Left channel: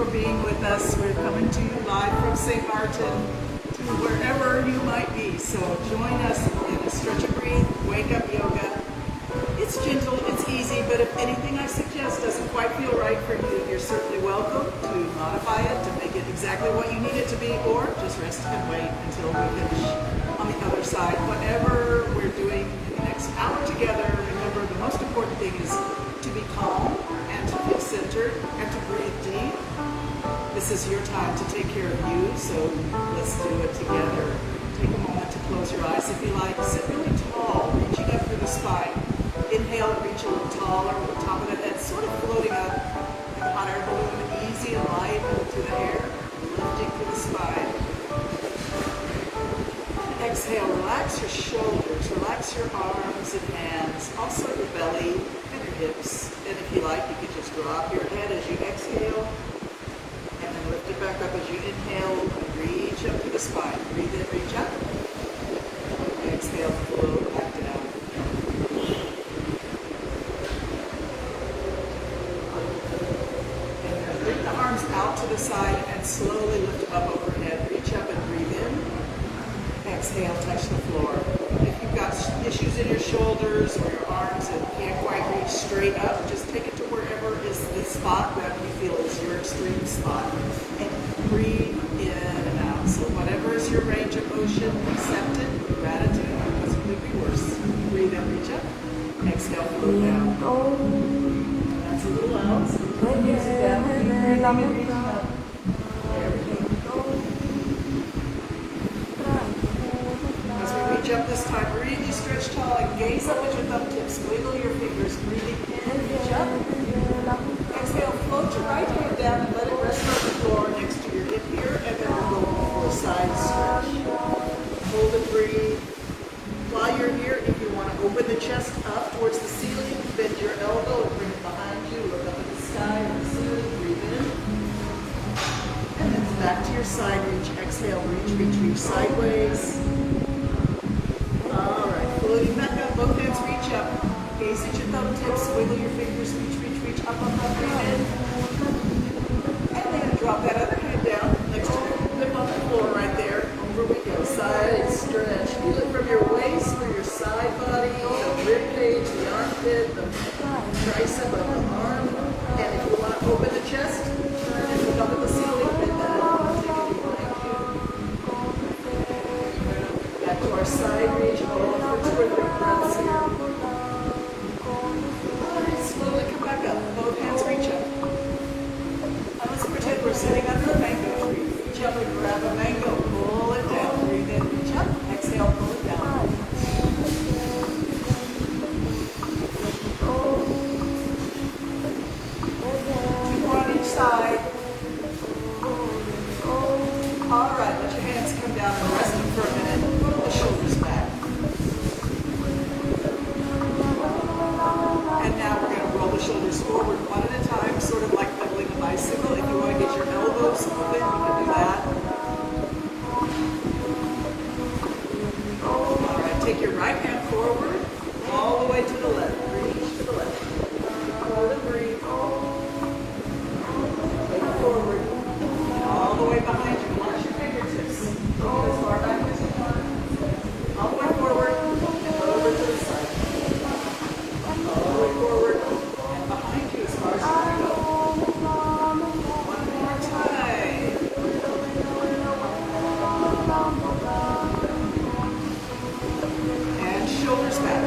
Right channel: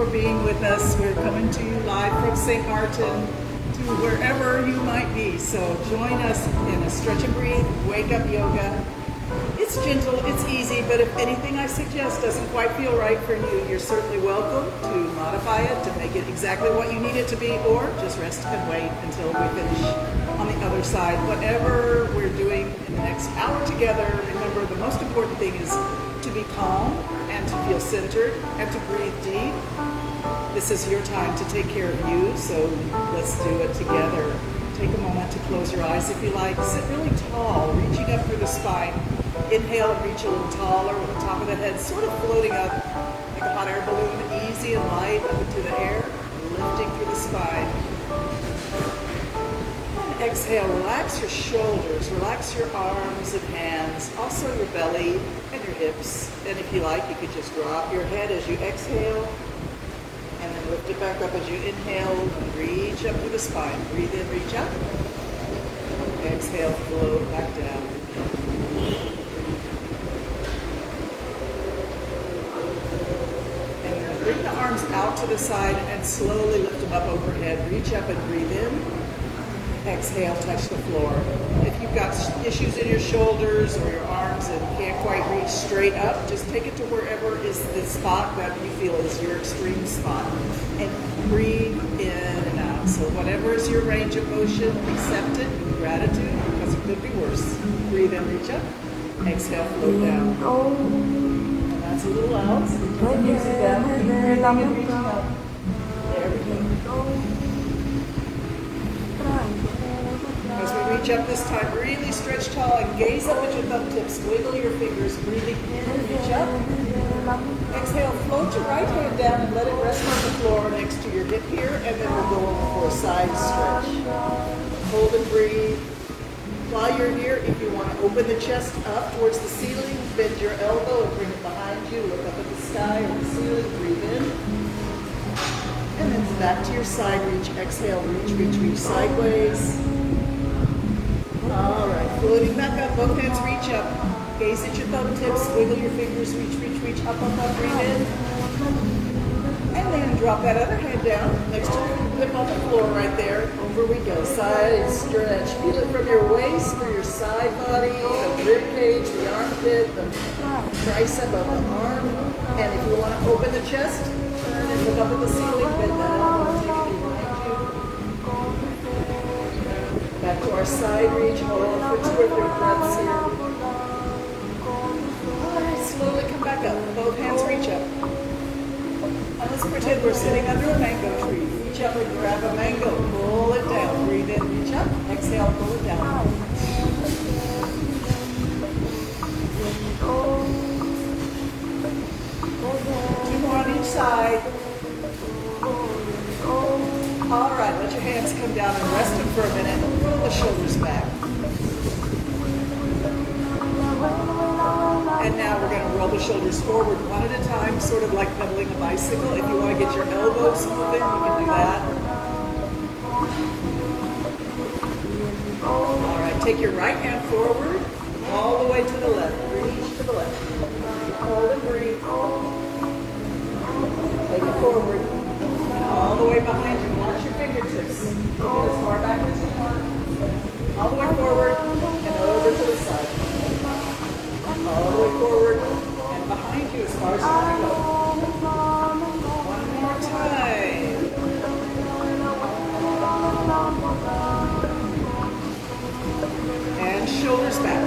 for being with us. We're coming to you live from St. Martin to wherever you might be. So join us in a stretch and breathe, wake up yoga. It's gentle, it's easy, but if anything I suggest doesn't quite feel right for you, you're certainly welcome to modify it to make it exactly what you need it to be, or just rest and wait until we finish on the other side. Whatever we're doing in the next hour together, remember the most important thing is to be calm and to feel centered and to breathe deep. This is your time to take care of you, so let's do it together. Take a moment to close your eyes if you like. Sit really tall, reaching up through the spine. Inhale and reach a little taller with the top of the head sort of floating up like a hot air balloon, easy and light into the air, lifting through the spine. Exhale, relax your shoulders, relax your arms and hands, also your belly and your hips. And if you like, you could just drop your head as you exhale and then lift it back up as you inhale. Reach up to the spine. Breathe in, reach up. Exhale, float back down. And bring the arms out to the side and slowly lift them up overhead. Reach up and breathe in. Exhale, touch the floor. If you've got issues in your shoulders or your arms and can't quite reach straight up, just take it to wherever is the spot that you feel is your extreme spot. And breathe in and out. So whatever is your range of motion, accept it, gratitude, because it could be worse. Breathe in, reach up. Exhale, float down. And that's a little loud, so put the music down. Keep breathing and reaching up. There we go. As we reach up this time, really stretch tall and gaze up at your thumb tips. Wiggle your fingers, breathing in and reach up. Exhale, float your right hand down and let it rest on the floor next to your hip here, and then we're going for a side stretch. Hold and breathe. While you're here, if you want to open the chest up towards the ceiling, bend your elbow and bring it behind you. Look up at the sky and the ceiling. Breathe in. And then back to your side reach. Exhale, reach, reach, reach sideways. All right, floating back up, both hands reach up. Gaze at your thumb tips, wiggle your fingers, reach, reach, reach, up, up, up, breathe in. And then drop that other hand down next to the hip on the floor right there. Here we go, side stretch. Feel it from your waist, through your side body, the rib cage, the armpit, the tricep of the arm. And if you want to open the chest, turn and look up at the ceiling, bend that elbow, take a deep back to our side reach, hold for 2 or 3 breaths here. Alright, slowly come back up. Both hands reach up. Now let's pretend we're sitting under a mango tree. Reach up and grab a mango. Pull it down. Breathe in, reach up. Exhale, pull it down. 2 on each side. Alright, let your hands come down and rest them for a minute. Roll the shoulders back. And now we're going to roll the shoulders forward one at a time, sort of like pedaling a bicycle. If you want to get your elbows moving, you can do that. Alright, take your right hand forward, all the way to the left. Reach to the left. Hold and breathe. Take it forward, all the way behind you. Watch your fingertips. Get as far back as you want. All the way forward and over to the side. All the way forward and behind you as far as you can go. One more time. And shoulders back.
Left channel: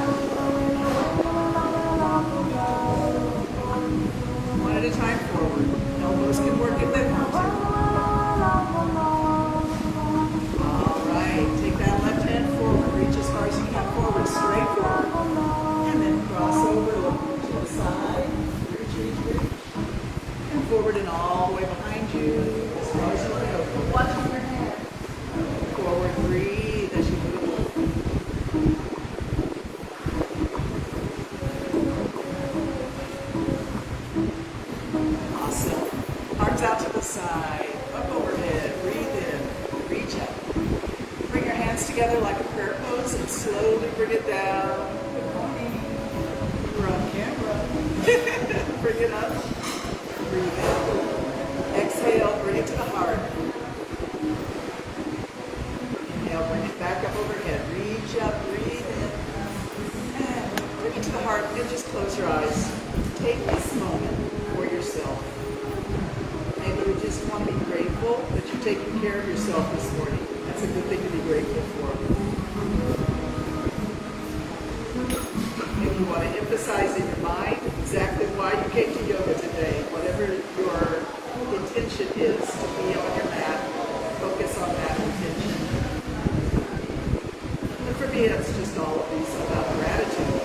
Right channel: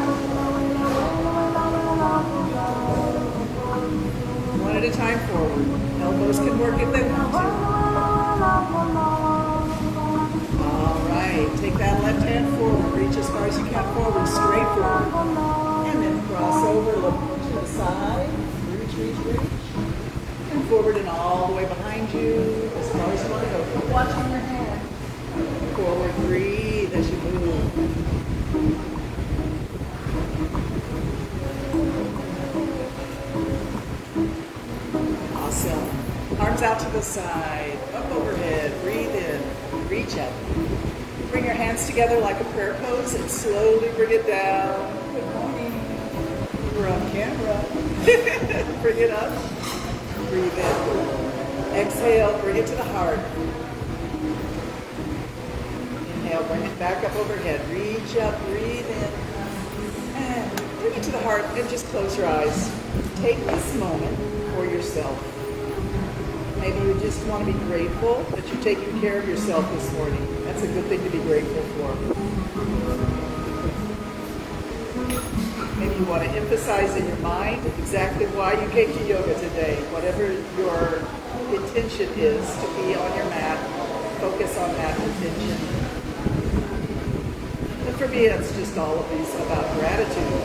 One at a time forward. Elbows can work if they want to. Alright, take that left hand forward, reach as far as you can forward, straight forward. And then cross over, look to the side, reach, reach, reach. And forward and all the way behind you, as far as you want to go. Keep watching your hand. Forward, breathe as you move. Awesome. Arms out to the side, up overhead, breathe in, reach up. Bring your hands together like a prayer pose and slowly bring it down. We're on camera. Bring it up. Breathe in. Exhale. Exhale, bring it to the heart. Inhale, bring it back up overhead. Reach up, breathe in. And bring it to the heart and just close your eyes. Take this moment for yourself. Maybe you just want to be grateful that you're taking care of yourself this morning. That's a good thing to be grateful for. Maybe you want to emphasize in your mind exactly why you came to yoga today. Whatever your intention is to be on your mat, focus on that intention. And for me, it's just always about gratitude.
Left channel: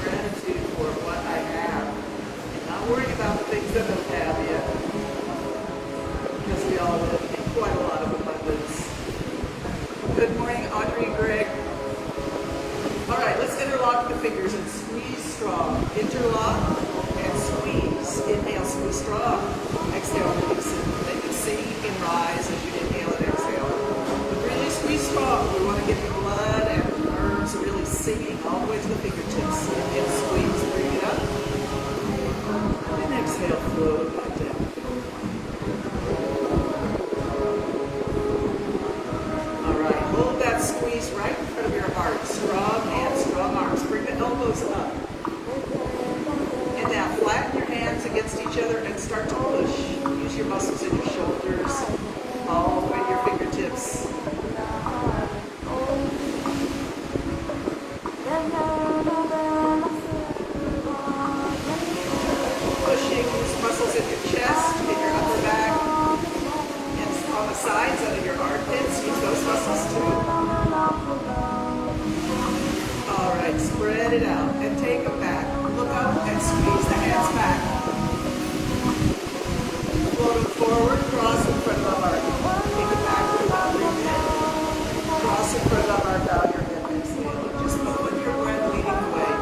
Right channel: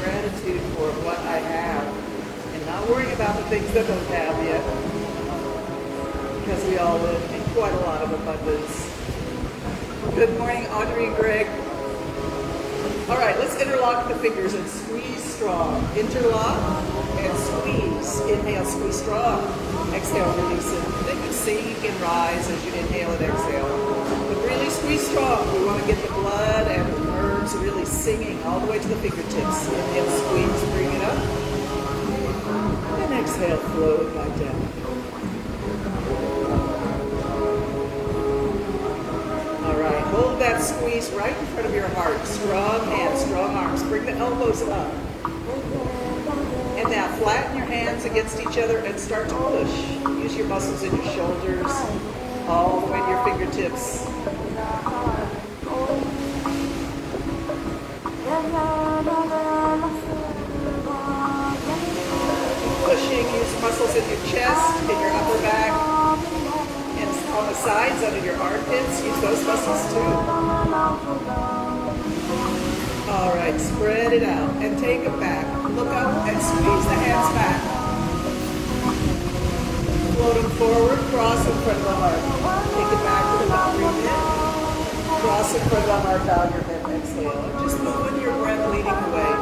Gratitude for what I have. And not worrying about the things that I don't have yet. Because we all live in quite a lot of abundance. Good morning, Audrey, Greg. All right, let's interlock the fingers and squeeze strong. Interlock and squeeze. Inhale, squeeze strong. Exhale, release it. Then you sing and rise as you inhale and exhale. But really squeeze strong. We want to get the blood and the nerves really singing all the way to the fingertips. Inhale, squeeze, bring it up. And exhale, flow it back down. Hold that squeeze right in front of your heart. Strong hands, strong arms. Bring the elbows up. And now flatten your hands against each other and start to push. Use your muscles in your shoulders, all the way to your fingertips. Pushing, use muscles in your chest, in your upper back. On the sides, under your armpits, use those muscles too. All right, spread it out and take it back. Look out and squeeze the hands back. Floating forward, cross in front of the heart. Take it back to the boundary bit. Cross in front of the heart, down your head, exhale. And just move with your breath leading the way.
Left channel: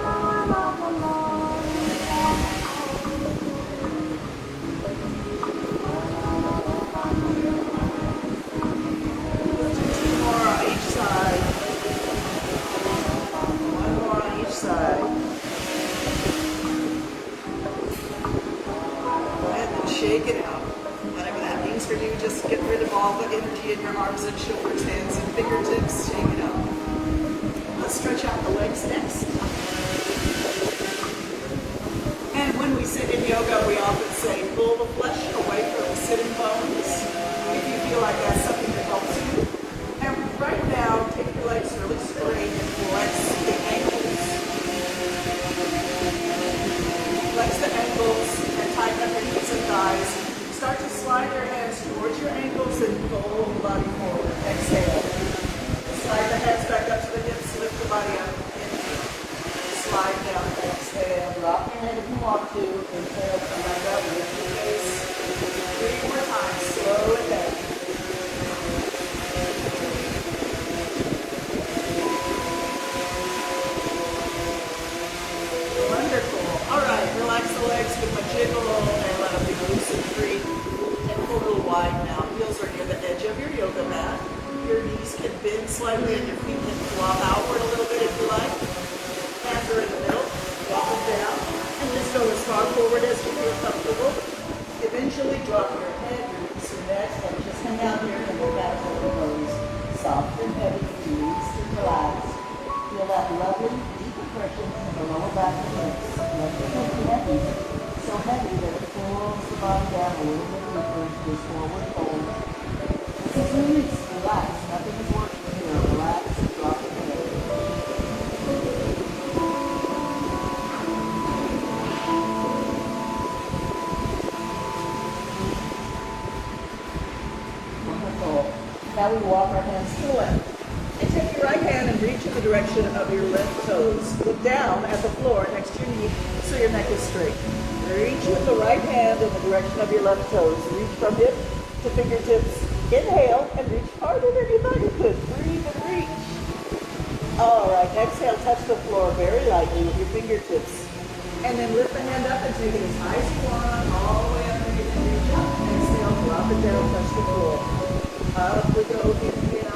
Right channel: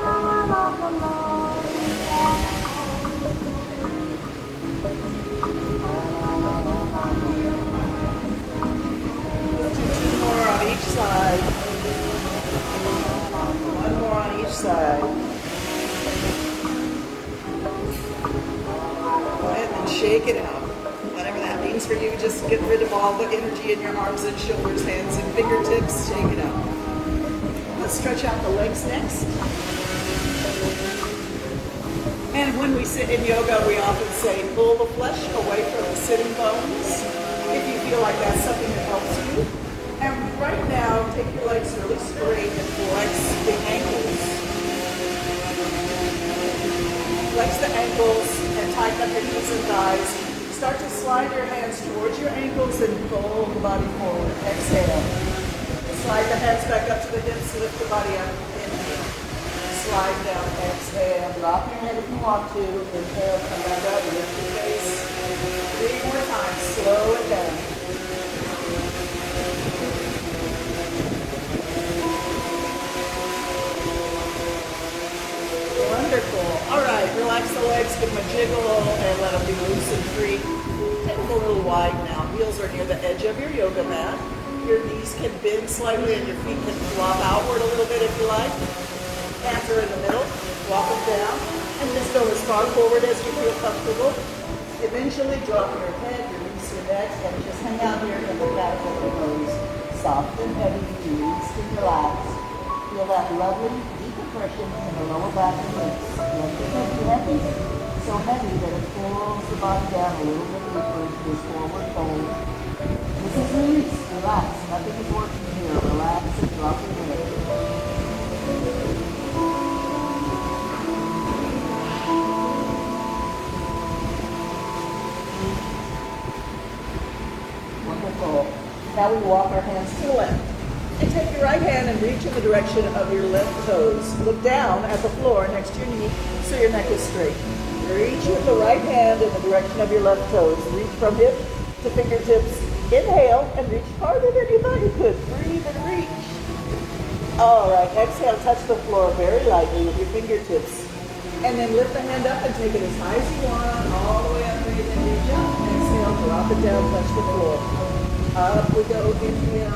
Side. One more on each side. Go ahead and shake it out. Whatever that means for you, just get rid of all the energy in your arms and shoulders, hands and fingertips. Shake it out. Let's stretch out the legs next. And when we sit in yoga, we often say, pull the flesh away from the sitting bones. If you feel like that's something that helps you. And right now, take your legs really straight and flex the ankles. Flex the ankles and tighten up your knees and thighs. Start to slide your hands towards your ankles and pull the body forward. Exhale. Slide the hands back up to the hips, lift the body up. Inhale. Slide down, exhale. Drop your head if you want to. Inhale, come back up, lift your face. 3 more times. Slow it down. Wonderful. All right, relax the legs, give them a jiggle all the way, let them be loose and free. And pull a little wide now. Heels are near the edge of your yoga mat. Your knees can bend slightly and your feet can flop outward a little bit if you like. Hands are in the middle. Walk them down. And just go as far forward as you feel comfortable. Eventually drop your head, release your neck, and just hang out here and look back at your nose. Soft and heavy, released and relaxed. Feel that lovely deep compression in the lower back and hips. Let your head be heavy, so heavy that it pulls the body down a little bit deeper into this forward fold. This is release. Relax. Nothing is working here. Relax and drop your head. Wonderful. Now we walk our hands to the left. And take your right hand and reach in the direction of your left toes. Look down at the floor next to your knee so your neck is straight. Reach with the right hand in the direction of your left toes. Reach from hip to fingertips. Inhale and reach harder than your body could. Breathe and reach. All right, exhale, touch the floor very lightly with your fingertips. And then lift the hand up and take it as high as you want, all the way up and reach up. Exhale, drop it down, touch the floor. Up we go, inhale.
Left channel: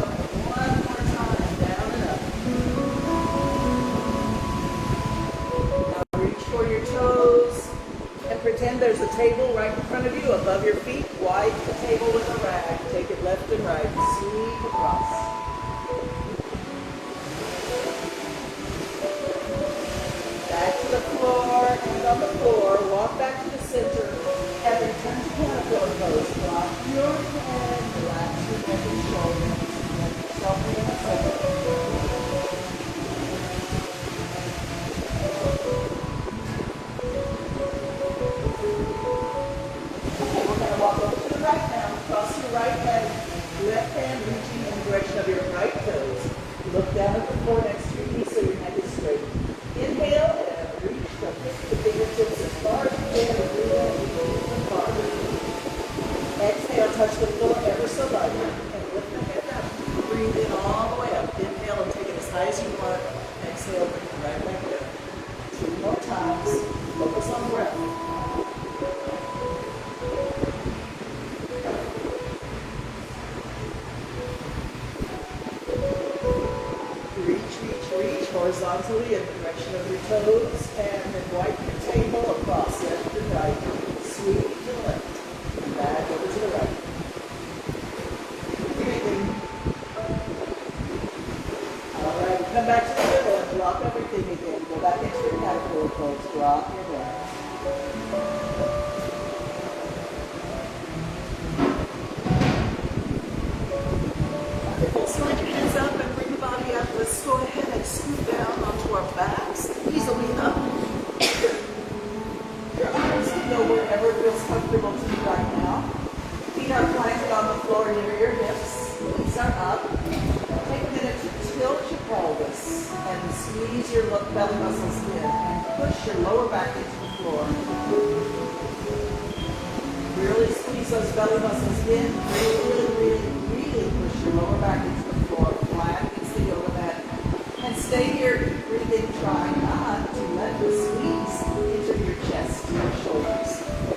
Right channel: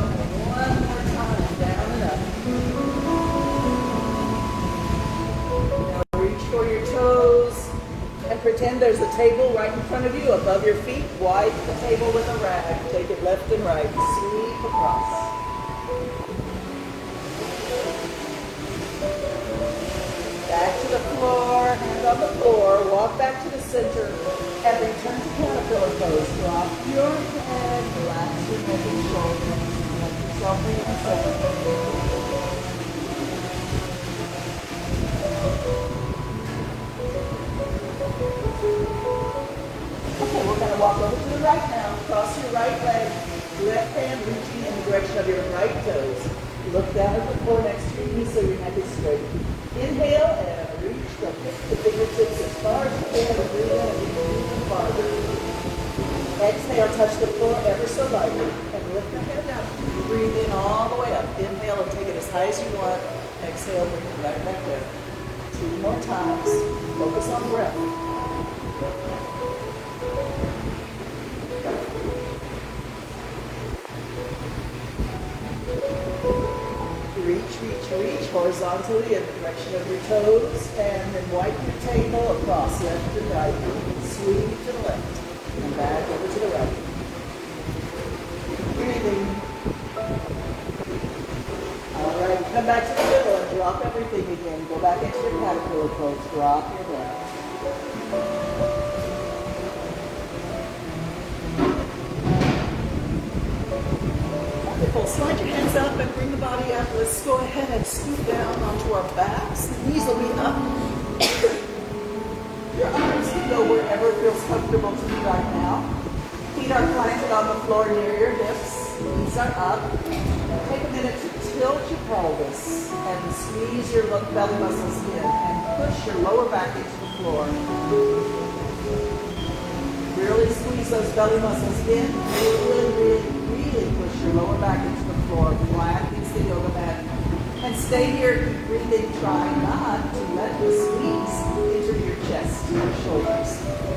One more time, down and up. Now reach for your toes and pretend there's a table right in front of you above your feet. Wipe the table with a rag. Take it left and right. Sweep across. Back to the floor, hand on the floor, walk back to the center, and then turn to caterpillar pose. Drop your head, relax your neck and shoulder, let yourself in the center. Okay, we're going to walk over to the right now. Cross your right leg, left hand reaching in the direction of your right toes. Look down at the floor next to your knee so your neck is straight. Inhale and reach from hip to fingertips as far as you can, and breathe in and reach even farther. Exhale, touch the floor ever so lightly, and lift the head up. Breathe in all the way up. Inhale and take it as high as you want. Exhale, bring it right back there. 2 more times. Focus on breath. Reach horizontally in the direction of your toes, and then wipe your table across left and right. Sweep to the left, and back over to the right. Breathing. All right, come back to the middle and drop everything again. Go back into your caterpillar pose. Drop your breath. Wonderful. Slide your hands up and bring the body up. Let's go ahead and scoot down onto our backs. Knees will be up. Your arms can go wherever feels comfortable to you right now. Feet are planted on the floor near your hips. Knees are up. Take a minute to tilt your pelvis and squeeze your belly muscles in and push your lower back into the floor. Really squeeze those belly muscles in. Really push your lower back into the floor, flat against the yoga mat. And stay here breathing, trying not to let the squeeze into your chest or shoulders.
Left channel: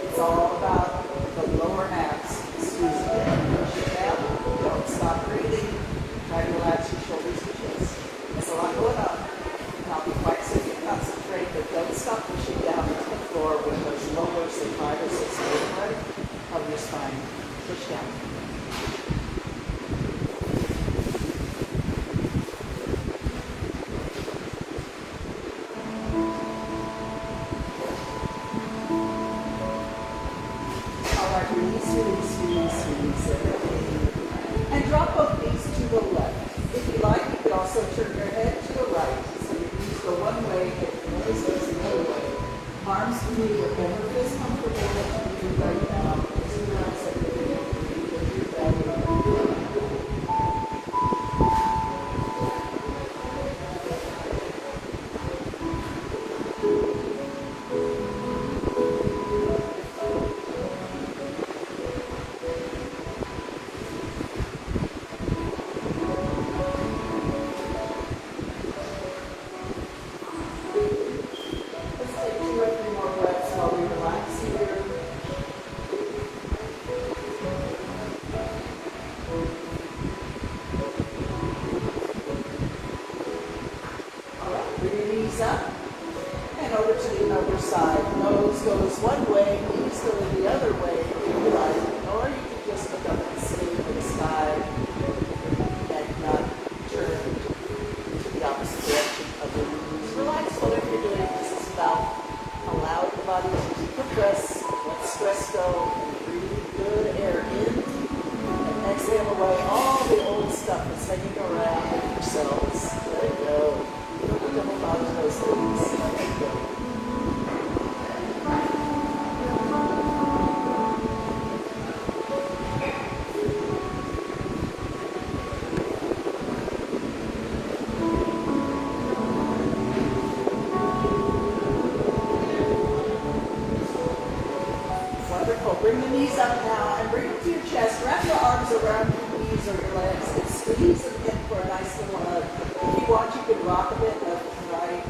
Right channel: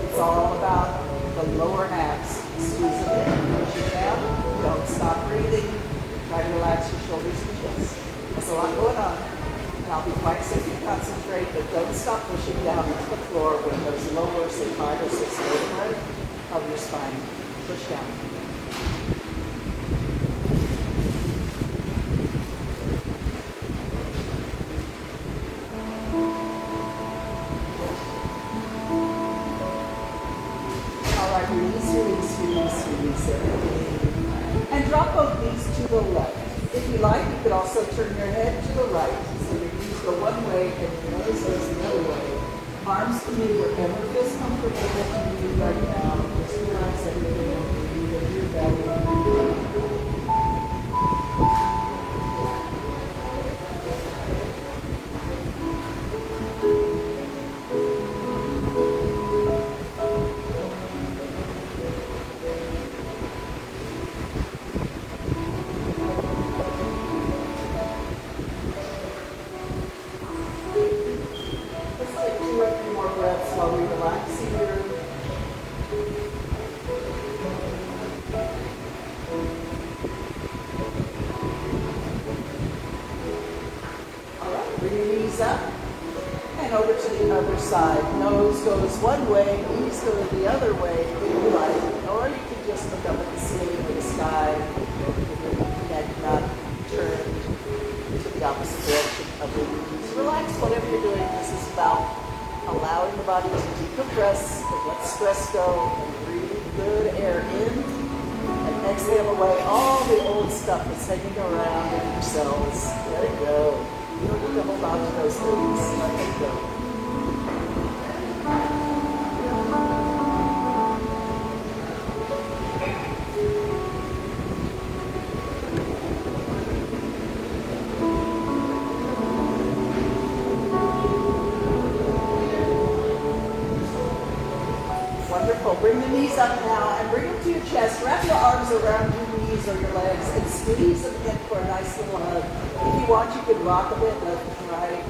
It's all about the lower abs. Squeeze it in, push it down. Don't stop breathing. Try to relax your shoulders and chest. There's a lot going on. And I'll be quiet so you can concentrate, but don't stop pushing down into the floor with those lower sacral system part of your spine. Push down. Release everything. And drop both knees to the left. If you like, you could also turn your head to the right. So your knees go one way and your nose goes the other way. Arms to me wherever feels comfortable with you right now. Just relax everything and breathe into your belly. Up and over to the other side. Nose goes one way, knees go the other way if you like. Or you can just look up at the ceiling or the sky with your neck not turned to the opposite direction of your knees. Relax whatever you're doing. This is about allowing the body to decompress and let stress go and breathe good air in and exhale away all the old stuff that's hanging around in your cells. Let it go. You don't need to hold on to those things. Let it go. Wonderful. Bring the knees up now and bring them to your chest. Wrap your arms around your knees or your legs and squeeze them in for a nice little hug. If you want, you can rock a bit left and right.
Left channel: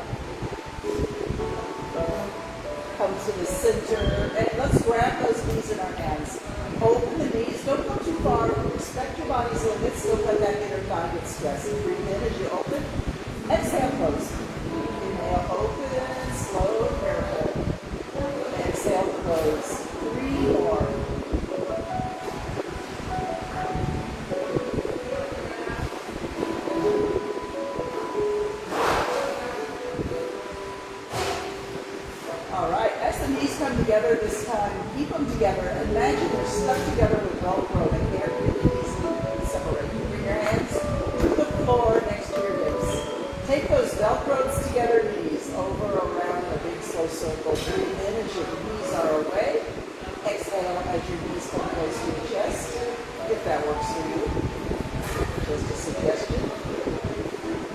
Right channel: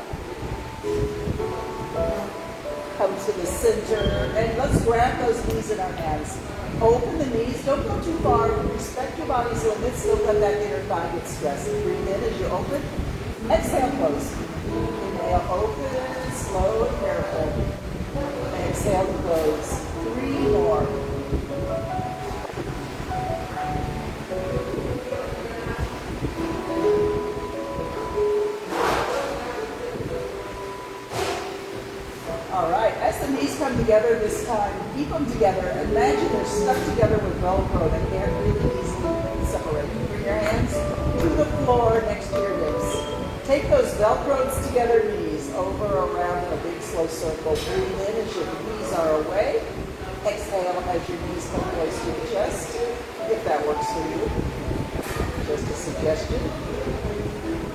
Come to the center, and let's grab those knees in our hands. Open the knees, don't go too far. Respect your body's limits, don't let that inner thigh get stressed. Breathe in as you open. Exhale, close. Inhale, open and slow and careful. Exhale, close. the knees come together this time, keep them together. Imagine they're stuck together with Velcro. They can't really easily separate. Bring your hands to the floor next to your hips. Take those Velcros together knees over, around in a big slow circle. Breathe in as your knees are away. Exhale as your knees come close to your chest, if that works for you. Just a suggestion.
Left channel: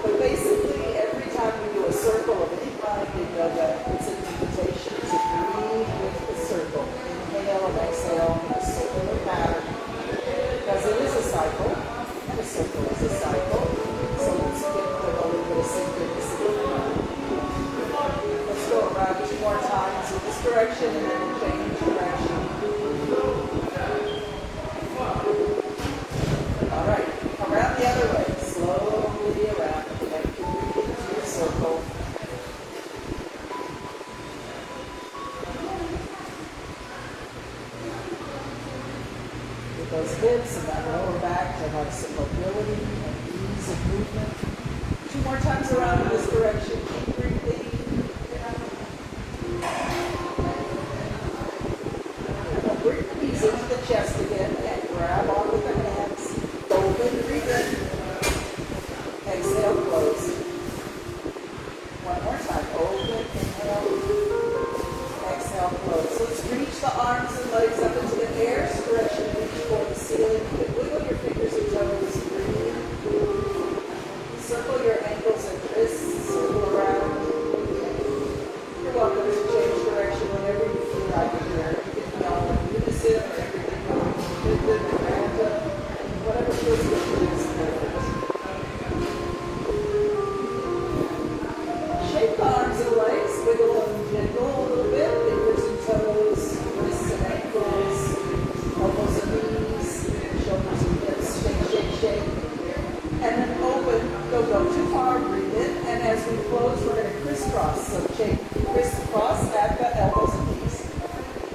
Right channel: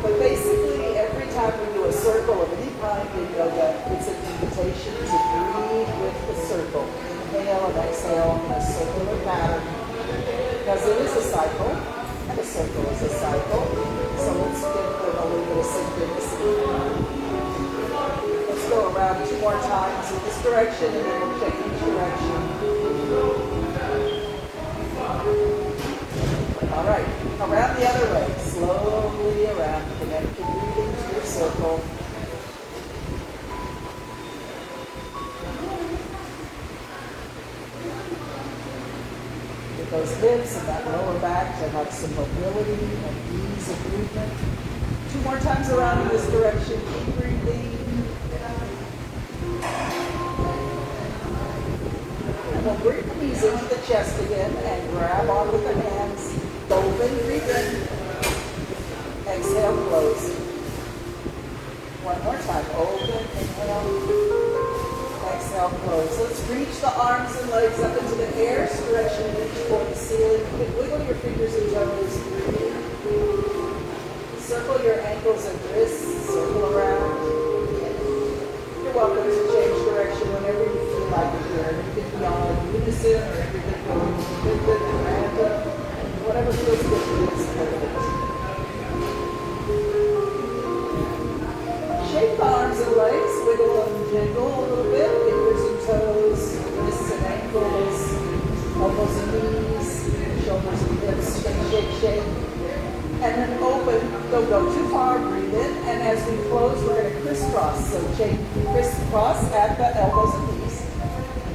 But basically, every time we do a circle of any kind in yoga, it's an invitation to breathe with the circle. Inhale and exhale in a circular pattern. Because it is a cycle, and a circle is a cycle. So let's get a little bit of synchronicity. Let's go around 2 more times in this direction, and then we'll change direction. All right, around the other way. Slowly around, connect your breathing to your circle. With those hips and that lower back to have some mobility and ease of movement. 2 more times around in this direction. Keep breathing. And we'll bring the knees into the chest again and grab on with the hands. Open, breathe in. Exhale, close. 1 more time. Open, inhale. Exhale, close. Let's reach the arms and legs up into the air. Stretch and reach toward the ceiling. Wiggle your fingers and toes. Breathe. Circle your ankles and wrists. Circle around. You're welcome to change direction whenever you feel like it here. You can be all in unison or you can go independent and random. Whatever feels good to you is perfect. Shape the arms and legs, wiggle them gentle a little bit, fingers and toes, wrists and ankles, elbows and knees, shoulders and hips, shake, shake, shake. And then open, don't go too far, breathe in, and as we close, we're going to crisscross. So shake, crisscross at the elbows and knees.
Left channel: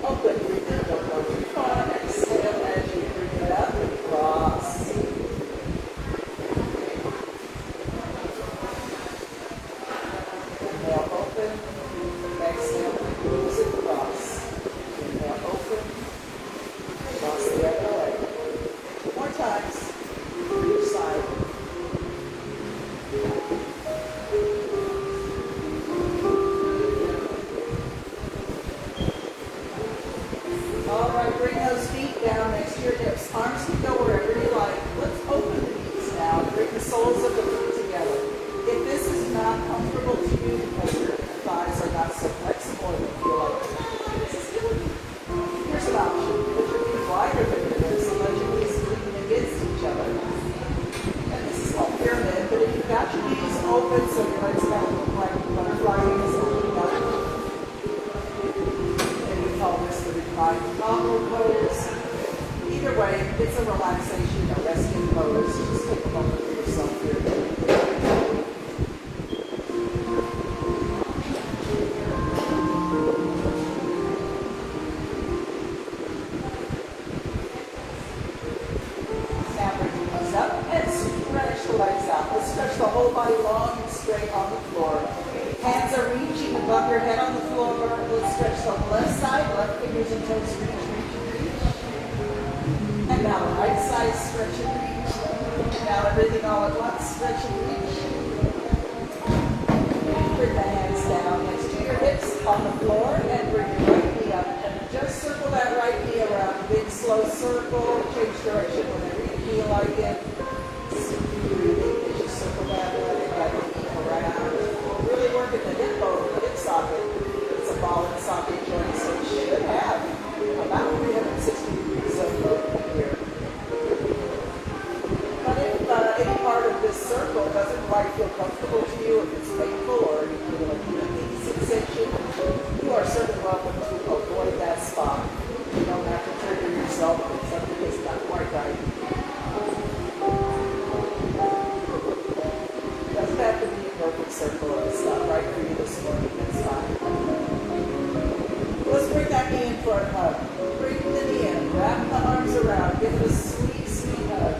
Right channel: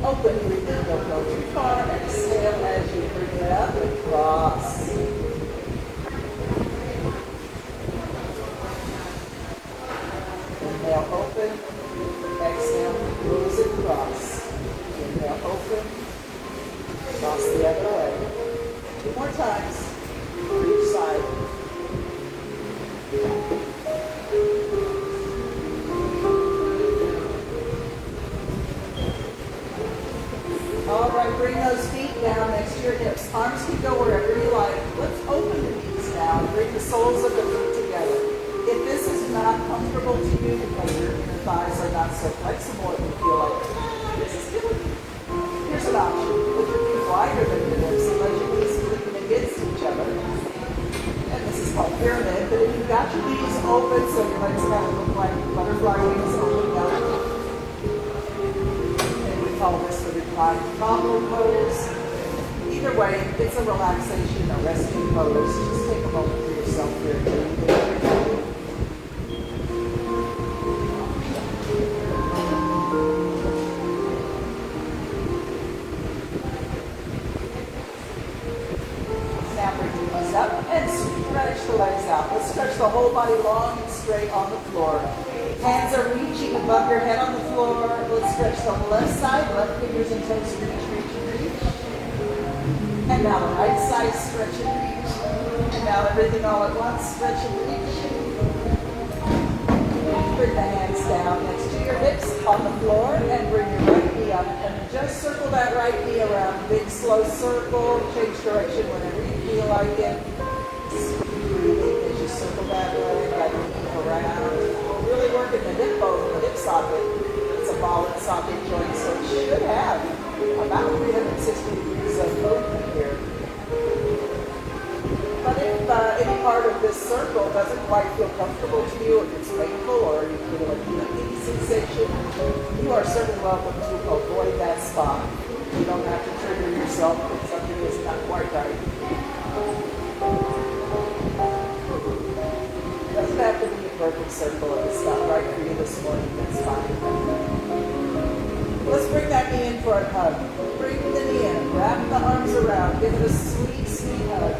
Open, breathe in, don't go too far, exhale as you bring it up and cross. Inhale, open. Exhale, close and cross. Inhale, open. Cross the other way. 2 more times. For each side. All right, bring those feet down next to your hips. Arms can go wherever you like. Let's open the knees now and bring the soles of the feet together. If this is not comfortable to you because your inner thighs are not so flexible and you feel like, this is killing me, here's an option. Put your feet wider than your hips and let your knees lean against each other. And this is called pyramid, but if you've got your knees open so your legs kind of look like butterfly wings opening up, and we call this the reclined nominal pose. Either way, it's a relaxation, a resting pose. Just take a moment for yourself here. Stretch the whole body long and straight on the floor. Hands are reaching above your head on the floor. Let's stretch the left side, left fingers and toes, reach, reach, and reach. And now the right side, stretch and reach. And now everything all at once, stretch and reach. Bring the hands down next to your hips on the floor and bring your right knee up. And just circle that right knee around. Big slow circle, change direction whenever you feel like it. Breathing as you circle that way, right knee around. We're really working the hip bone, the hip socket. It's a ball and socket joint, so it should have about 360 degrees of movement here. But if any part of this circle doesn't quite feel comfortable to you, if it's painful or you feel a knee sensation, you are certainly welcome to avoid that spot. You don't have to trigger yourself if something is not quite right. Doesn't have to be a perfect circle if it's not right for you this morning, that's fine. Let's bring that knee in for a hug. Bring the knee in, wrap the arms around, give it a sweet, sweet hug.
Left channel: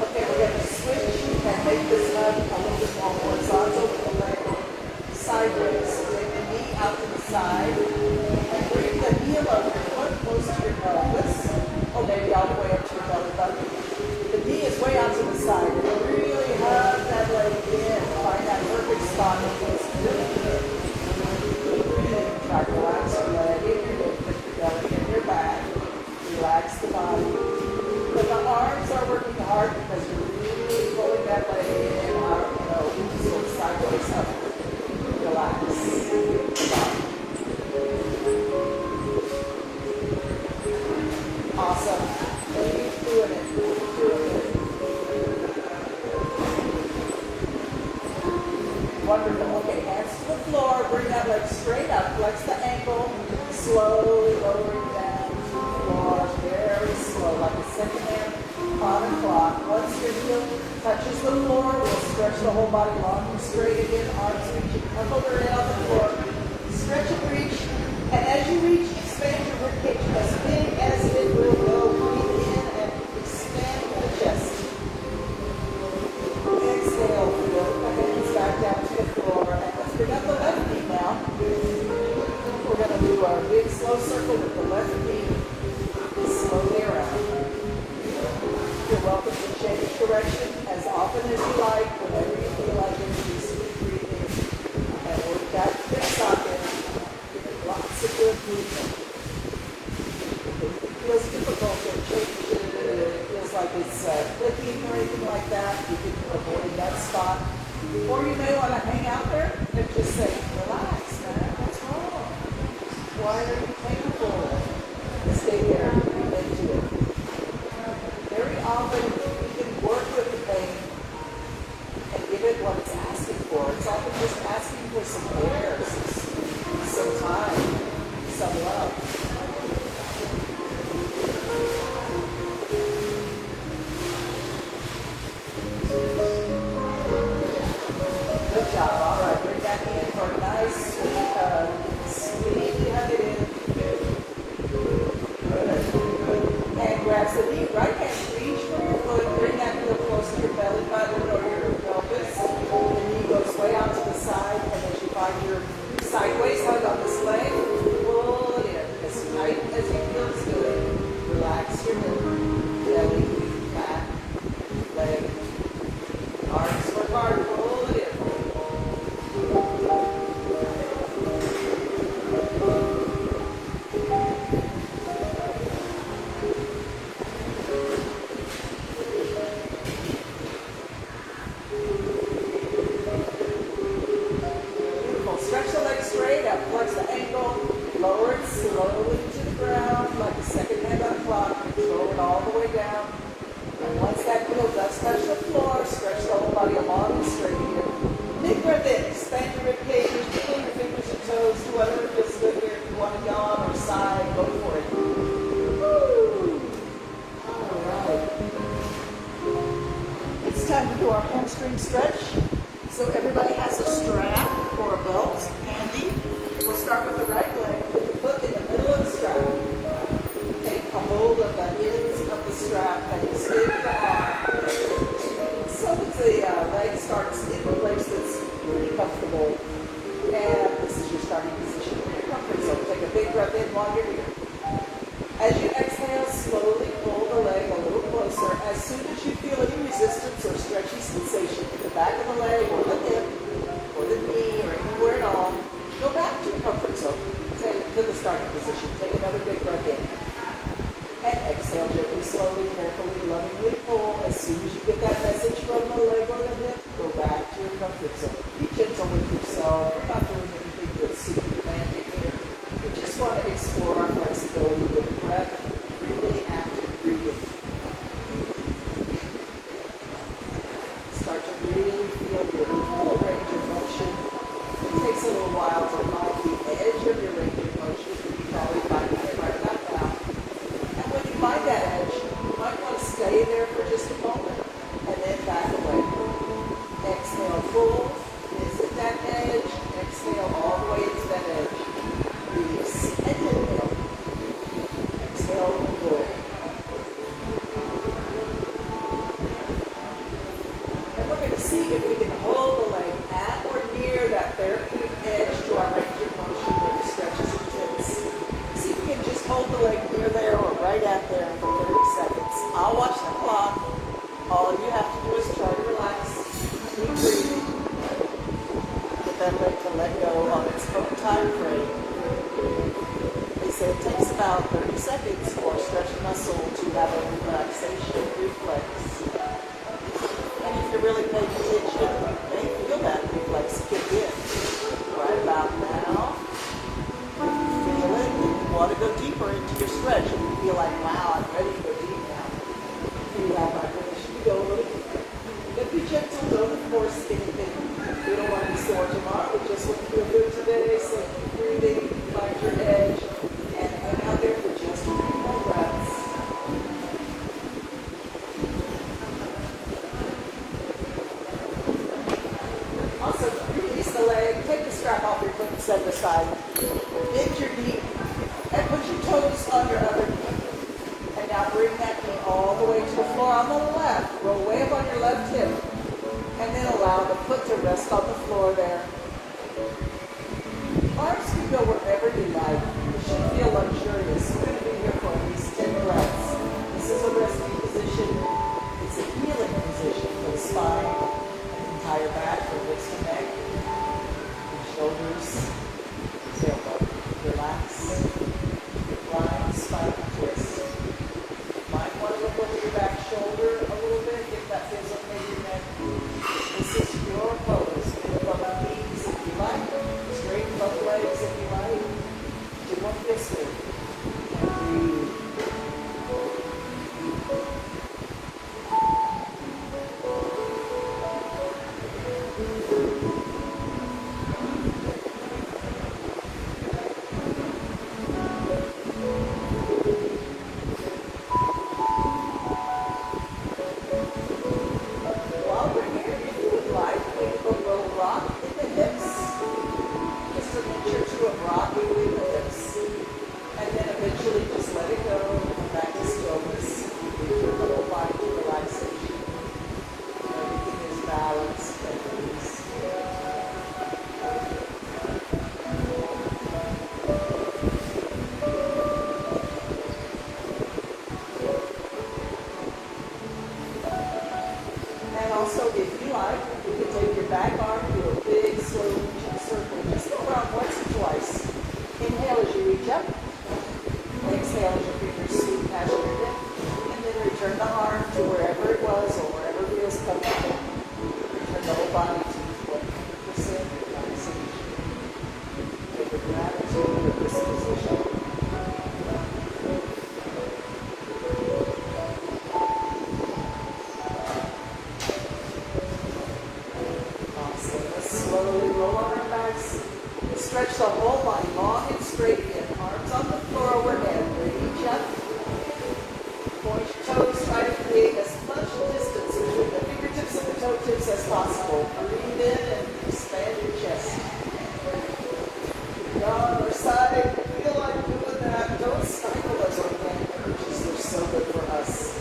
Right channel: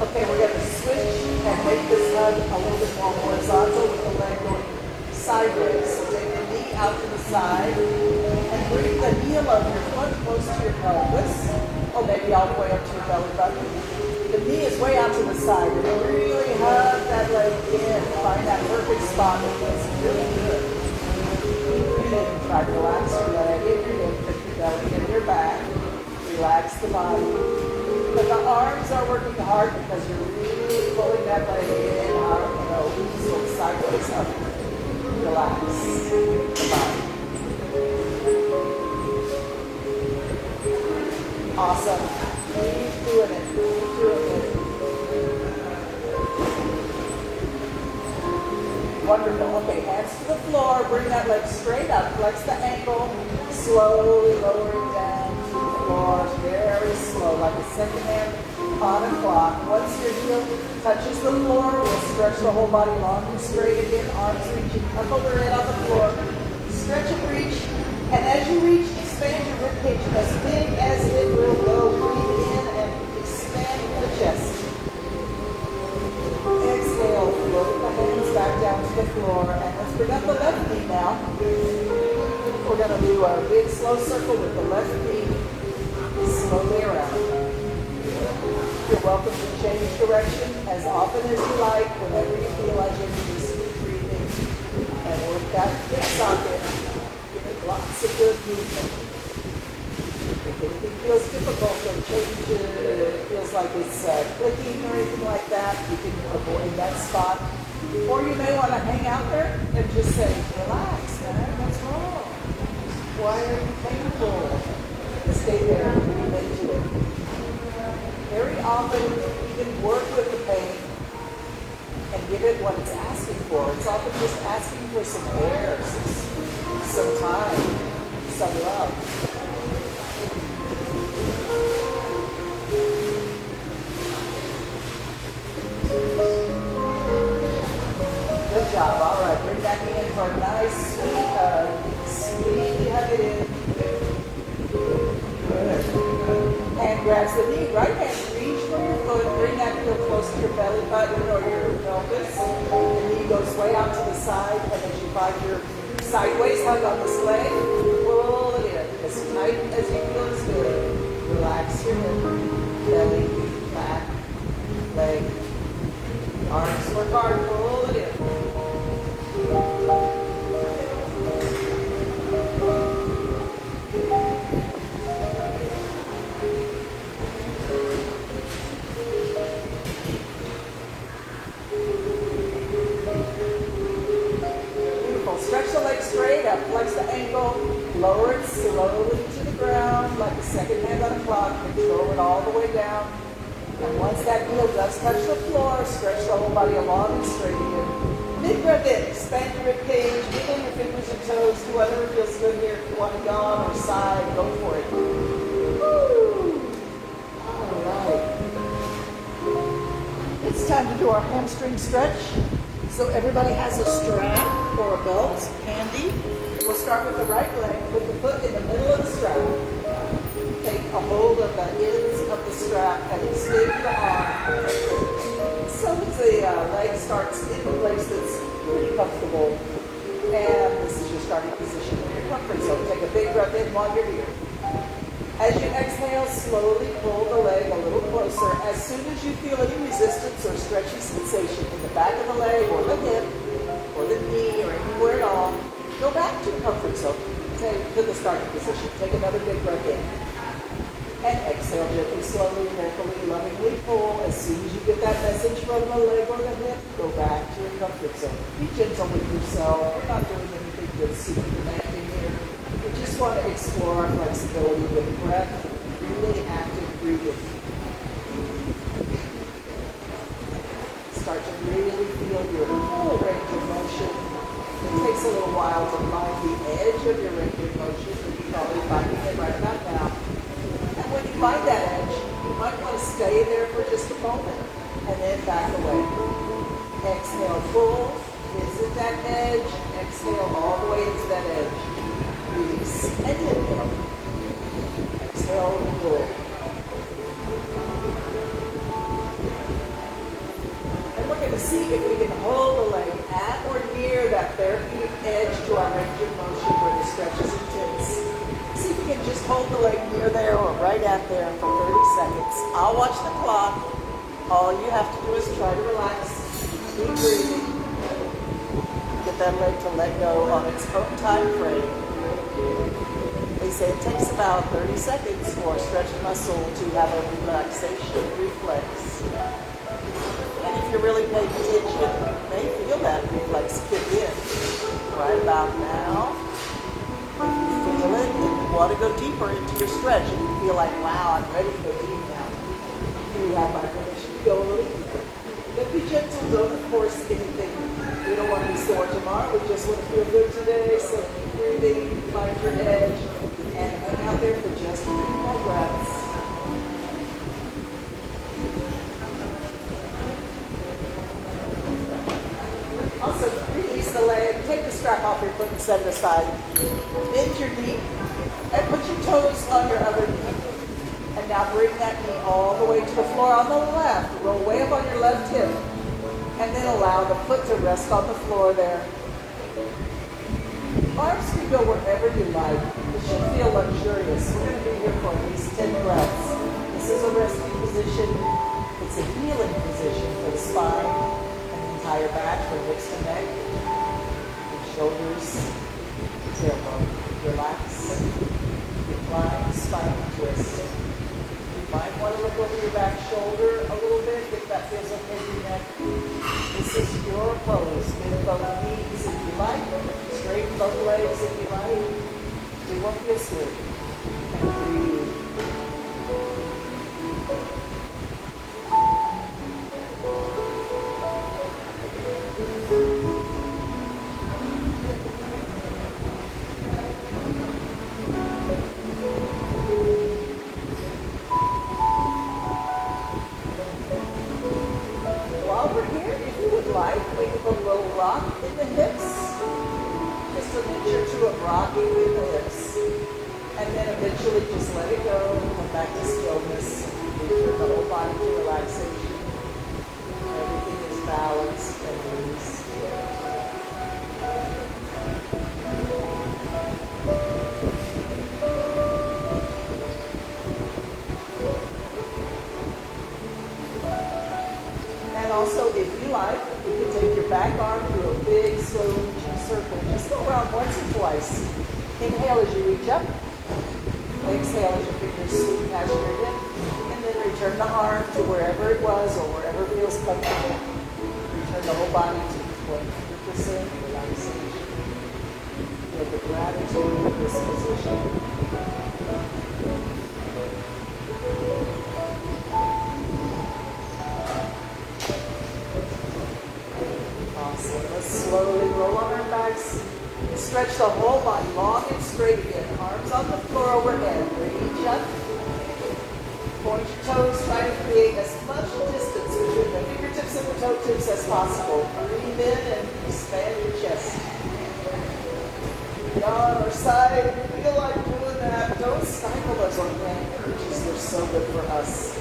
Okay, we're going to switch and make this hug a little bit more horizontal with the leg going sideways. out to the side. And bring the heel of your foot close to your pelvis. Or maybe all the way up to your belly button. The knee is way out to the side. And really hug that leg in. Find that perfect spot. It feels really good. Try to relax your leg in your hip, put your belly in your back. Relax the body. But the arms are working hard because you're really pulling that leg in, out, sort of sideways up. Relax the body. Awesome. Keep doing it. Keep doing it. Wonderful. Okay, hands to the floor. Bring that leg straight up. Flex the ankle. Slowly lower it down to the floor. Very slow, like a second hand on a clock. Once your heel touches the floor, we'll stretch the whole body long and straight again. Arms reaching up over it on the floor. Stretch and reach. And as you reach, expand your rib cage as big as it will go. Breathe in and expand the chest. Exhale, float the hands back down to the floor. And let's bring up the left knee now. We're going to do our big slow circle with the left knee slowly around. You're welcome to change direction as often as you like, whenever you feel like it. Just keep breathing and work that hip socket. Give it lots of good movement. If it feels difficult or changes, it feels like it's clicking or anything like that, you can avoid that spot. Or you may want to hang out there and just say, relax, man, what's wrong? Why are you painful? Stay there and breathe into it. Very often, you can work with the pain and give it what it's asking for. It's often just asking for some air, some time, some love. Good job. All right, bring that in for a nice, sweet hug. Sweetly hug it in. Good. Hand grabs the knee. Right hand reach for your foot. Bring that heel close to your belly button or your pelvis. The knee goes way out to the side. And as you find your sideways hug on this leg, pull it in as tight as you feel is good. Relax your hip, belly, back, leg. Arms work hard. Pull it in. Stretch the leg straight up, flex the ankle, lower it slowly to the ground, like a second hand on a clock, control it all the way down. And once that heel does touch the floor, stretch the whole body along and straight again. Big breath in, expand your rib cage, wiggle your fingers and toes, do whatever feels good here. If you want to yawn or side, go for it. Woo! All right. It's time to do our hamstring stretch. So everybody has a strap or a belt handy. We'll start with the right leg. Put the foot in the middle of the strap. Take a hold of the ends of the strap and extend the arm. So that the leg starts in the place that's pretty comfortable. And this is your starting position in your comfort zone. Take a big breath in while you're here. As you exhale, slowly pull the leg a little closer. As soon as you feel any resistance or stretchy sensation in the back of the leg or the hip or the knee or anywhere at all, go back to your comfort zone. To the starting position. Take another big breath in. And exhale gently, slowly, carefully, lovingly pull. As soon as you get that message from the leg or the hip, go back to your comfort zone. Be gentle with yourself. We're not doing anything that's super demanding here. We just want to explore our flexibility with breath, really active breathing. Start to really feel your full range of motion. It takes a little while to find the edge of your range of motion, but you're probably finding it right about now. And when you find that edge, you might want to stay there for just a moment and then back away. Exhale, full. Visit that edge. Exhale all the way into that edge. Release and inhale. Exhale, pull. And we're going to see if we can hold the leg at or near that therapeutic edge to our range of motion. hold the leg near there or right at there for 30 seconds. I'll watch the clock. All you have to do is try to relax, keep breathing, get that leg to let go on its own time frame. They say it takes about 30 seconds for a stretched muscle to have a relaxation reflex. And if you're really paying attention, you may feel that reflex kick in. Right about now, if you feel it and you want to go deeper into your stretch and you feel like, wow, I'm ready to go deep now, you have my permission to go a little deeper. But be gentle, don't force anything. We don't want to be sore tomorrow. We just want to feel good today. So keep breathing, find your edge, and hang out there for just 3 more breaths. Also, release the leg, take the strap off your foot and set it aside. Bend your knee and put your toes on your other knee. And now bring that knee all the way to the floor on the left. Roll way up on your left hip. And then allow the foot to rest on the floor there. Arms can go wherever you like. It should feel luxurious. We're going to be here for at least 10 breaths. This is a resting position. It's a healing position for the spine and the entire back, from hips to neck, your shoulders, tailbone. Relax. Recline, spine twist. You might want to look over your back shoulder a little bit if that feels okay to your neck. This is your pose. Bend both knees if you like. Straighten both legs if you like. Do what feels good. And breathe. While we're here, if you would like, we can put a little rock in the hips. Just an inch or two of rocking in the hips. And then eventually just let it go and come back to stillness. Return the whole body to relaxation. Everything is balanced and released. And also, if you like, you can take your back arm, do a big, slow reaching circle. Just go around once or twice. Inhale as you reach up. Exhale as your fingers sweep past your hip. And then return the arm to wherever it was or wherever feels comfortable. Return the whole body to 100% relaxation. Feel the gratitude of this position. Let's slowly roll on our backs. Stretch the whole body long and straight again. Arms on the floor overhead. Reach up. Point your toes. Try to create as much distance between the fingertips and the toe tips as possible. Breathe in and expand your chest. Down or side. If you feel like doing that, don't stifle those organic energies. They're so good for us.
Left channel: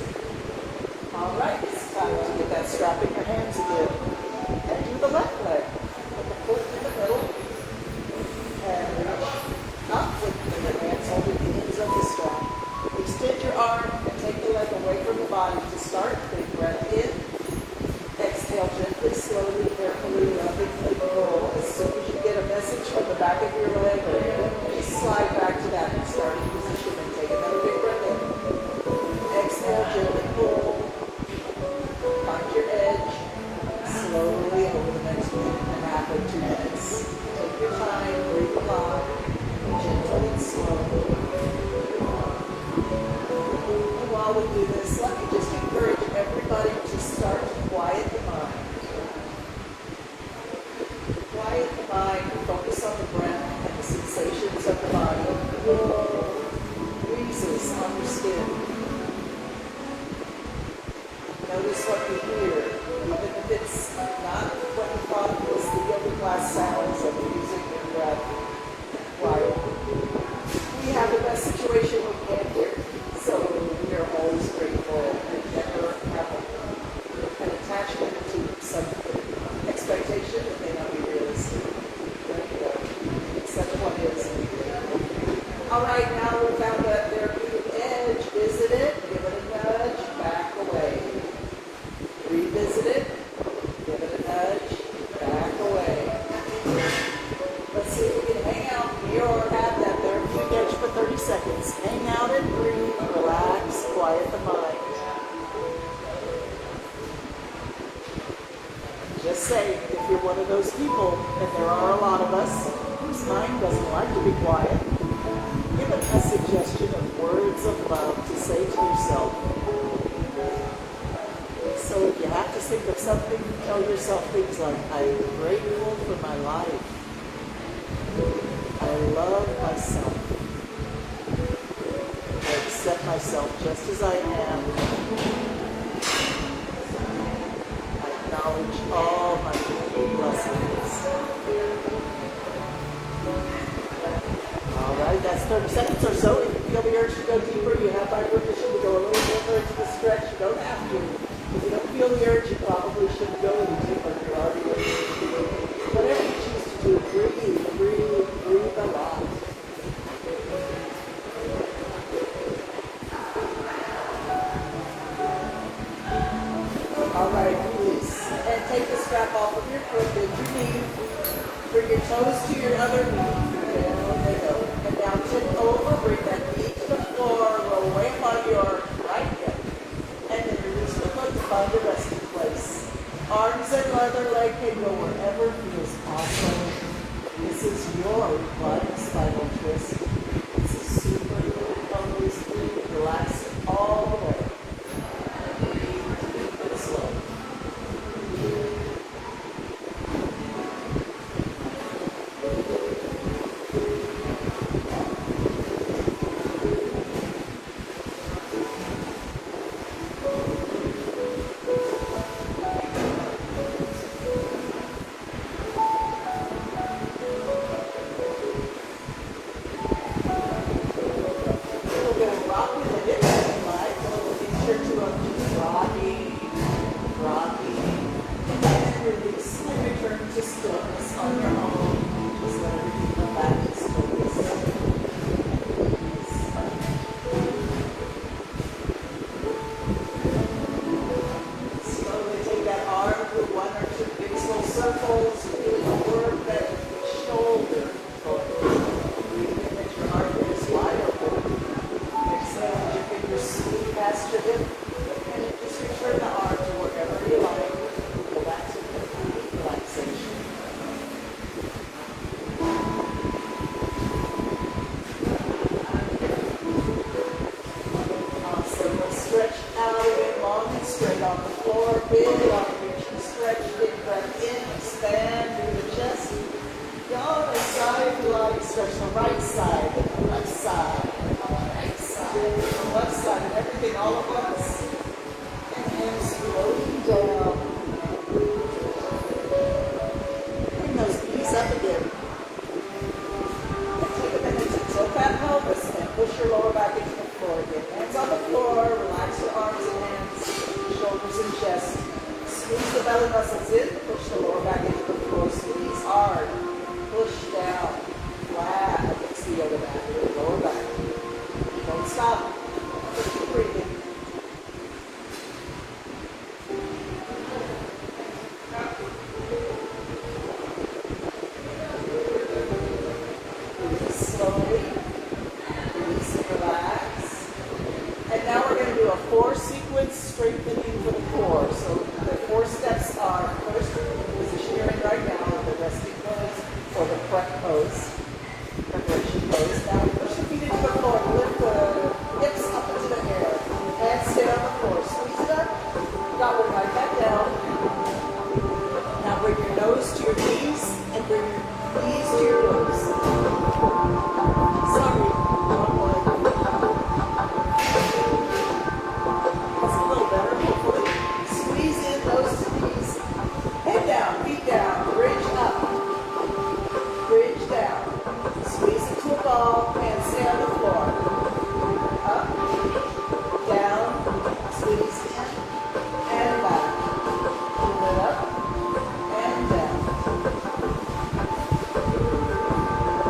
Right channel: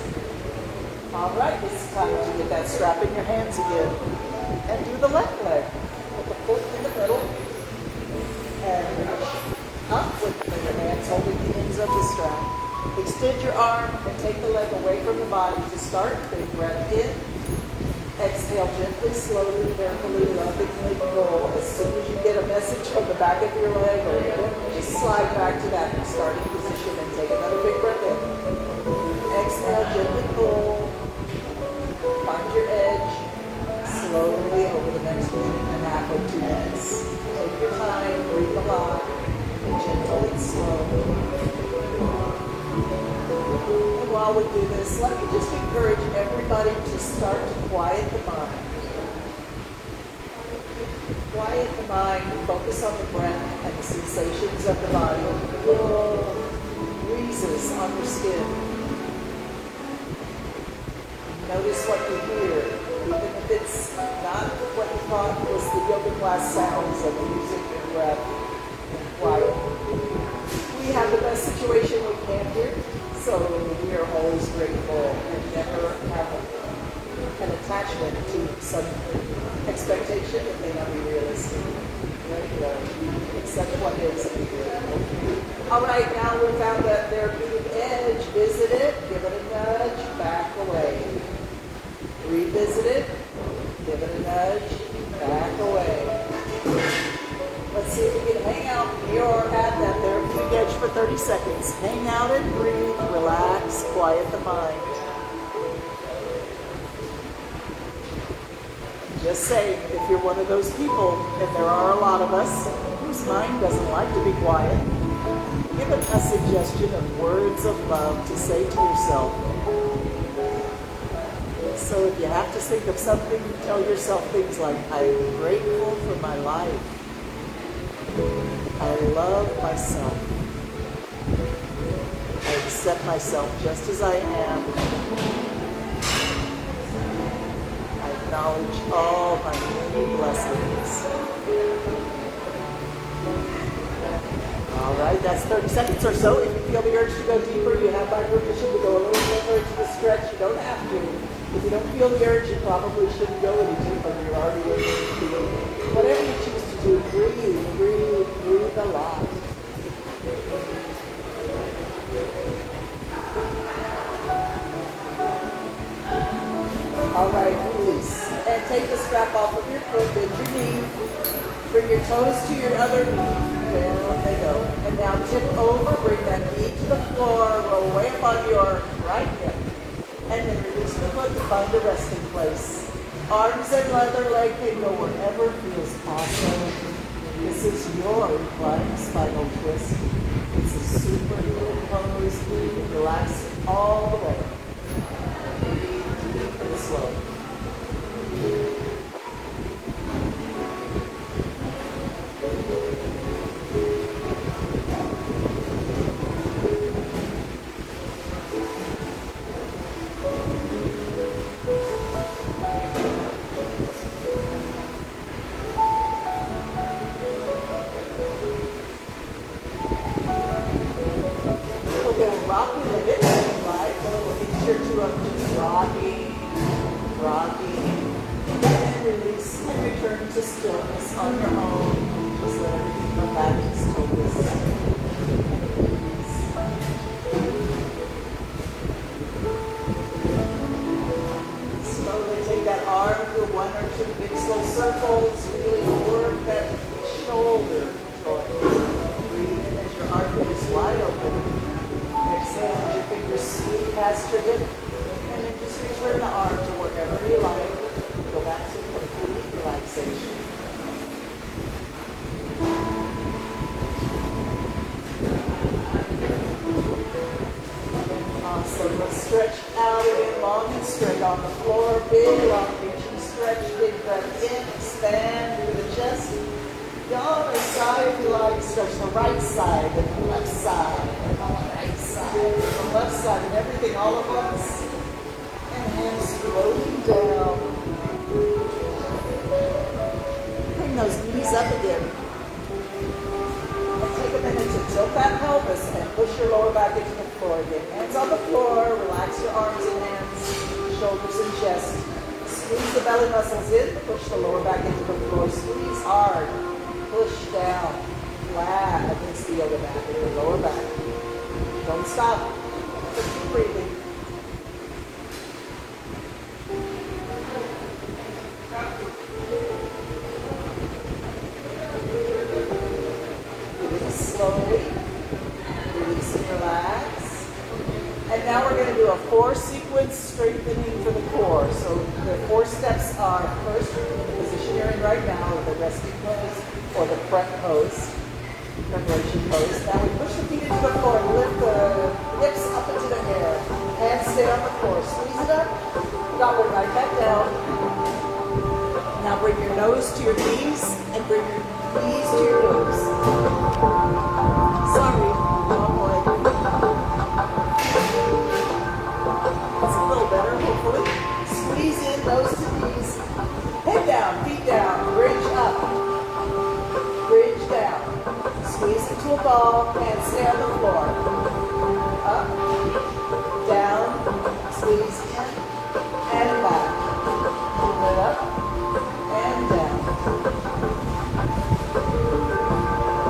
All right, it's time to get that strap in your hands again. And do the left leg. Put the foot in the middle. And reach up with your hands holding the ends of the strap. Extend your arm and take the leg away from the body to start. Big breath in. Exhale gently, slowly, carefully, lovingly pull. As soon as you get a message from the back of your leg or hip, just slide back to that starting position and take another big breath in. Exhale, gently pull. Find your edge. Slowly over the next minute and a half or 2 minutes. Take your time, breathe a lot, and gentle and slow. And while we do this, let me just encourage everybody to start to quiet the mind. Quiet the mind, focus on the breath and the sensations of the body. Feel breezes on your skin. Notice what you hear, even if it's not what you thought was the yoga class sounds of music and breath. Quiet. We have the best situation we can here, so we are always grateful and never have an attachment to some expectation that may not be realistic. Let it go. Accept what is and be grateful. All right, now we found that therapeutic edge. Visit it, give it a nudge, back away. Revisit it, give it a nudge, back away. Let's see if you can hang out near or at that therapeutic edge for 30 seconds. Hang out and breathe, relax, quiet the mind. Just saying, if you're one of those people, and there are a lot of us, whose mind doesn't like to be quiet, give it a suggestion of words of love to say to yourself. So if you have to think of something, tell yourself things like, I am grateful for my life. I love myself. I accept myself just as I am. I acknowledge all my many blessings. All right, that's 30 seconds or so. If you feel the urge to go deeper, you have by permission to go a little deeper into the stretch. You don't have to. If you don't feel the urge, you probably shouldn't go any deeper. You're already where you need to be. Whatever you choose to do, breathe, breathe, breathe a lot. All right, release. And take the strap off of your foot, bend your knee. Bring your toes to your other knee. Down they go. And now tip over, bring that knee to the floor, roll way up on your right hip. And then release the foot to find a resting place. Arms and other leg can go wherever feels awesome. This is your reclining spinal twist. It's a superhero pose. Relax all the way. Deep and slow.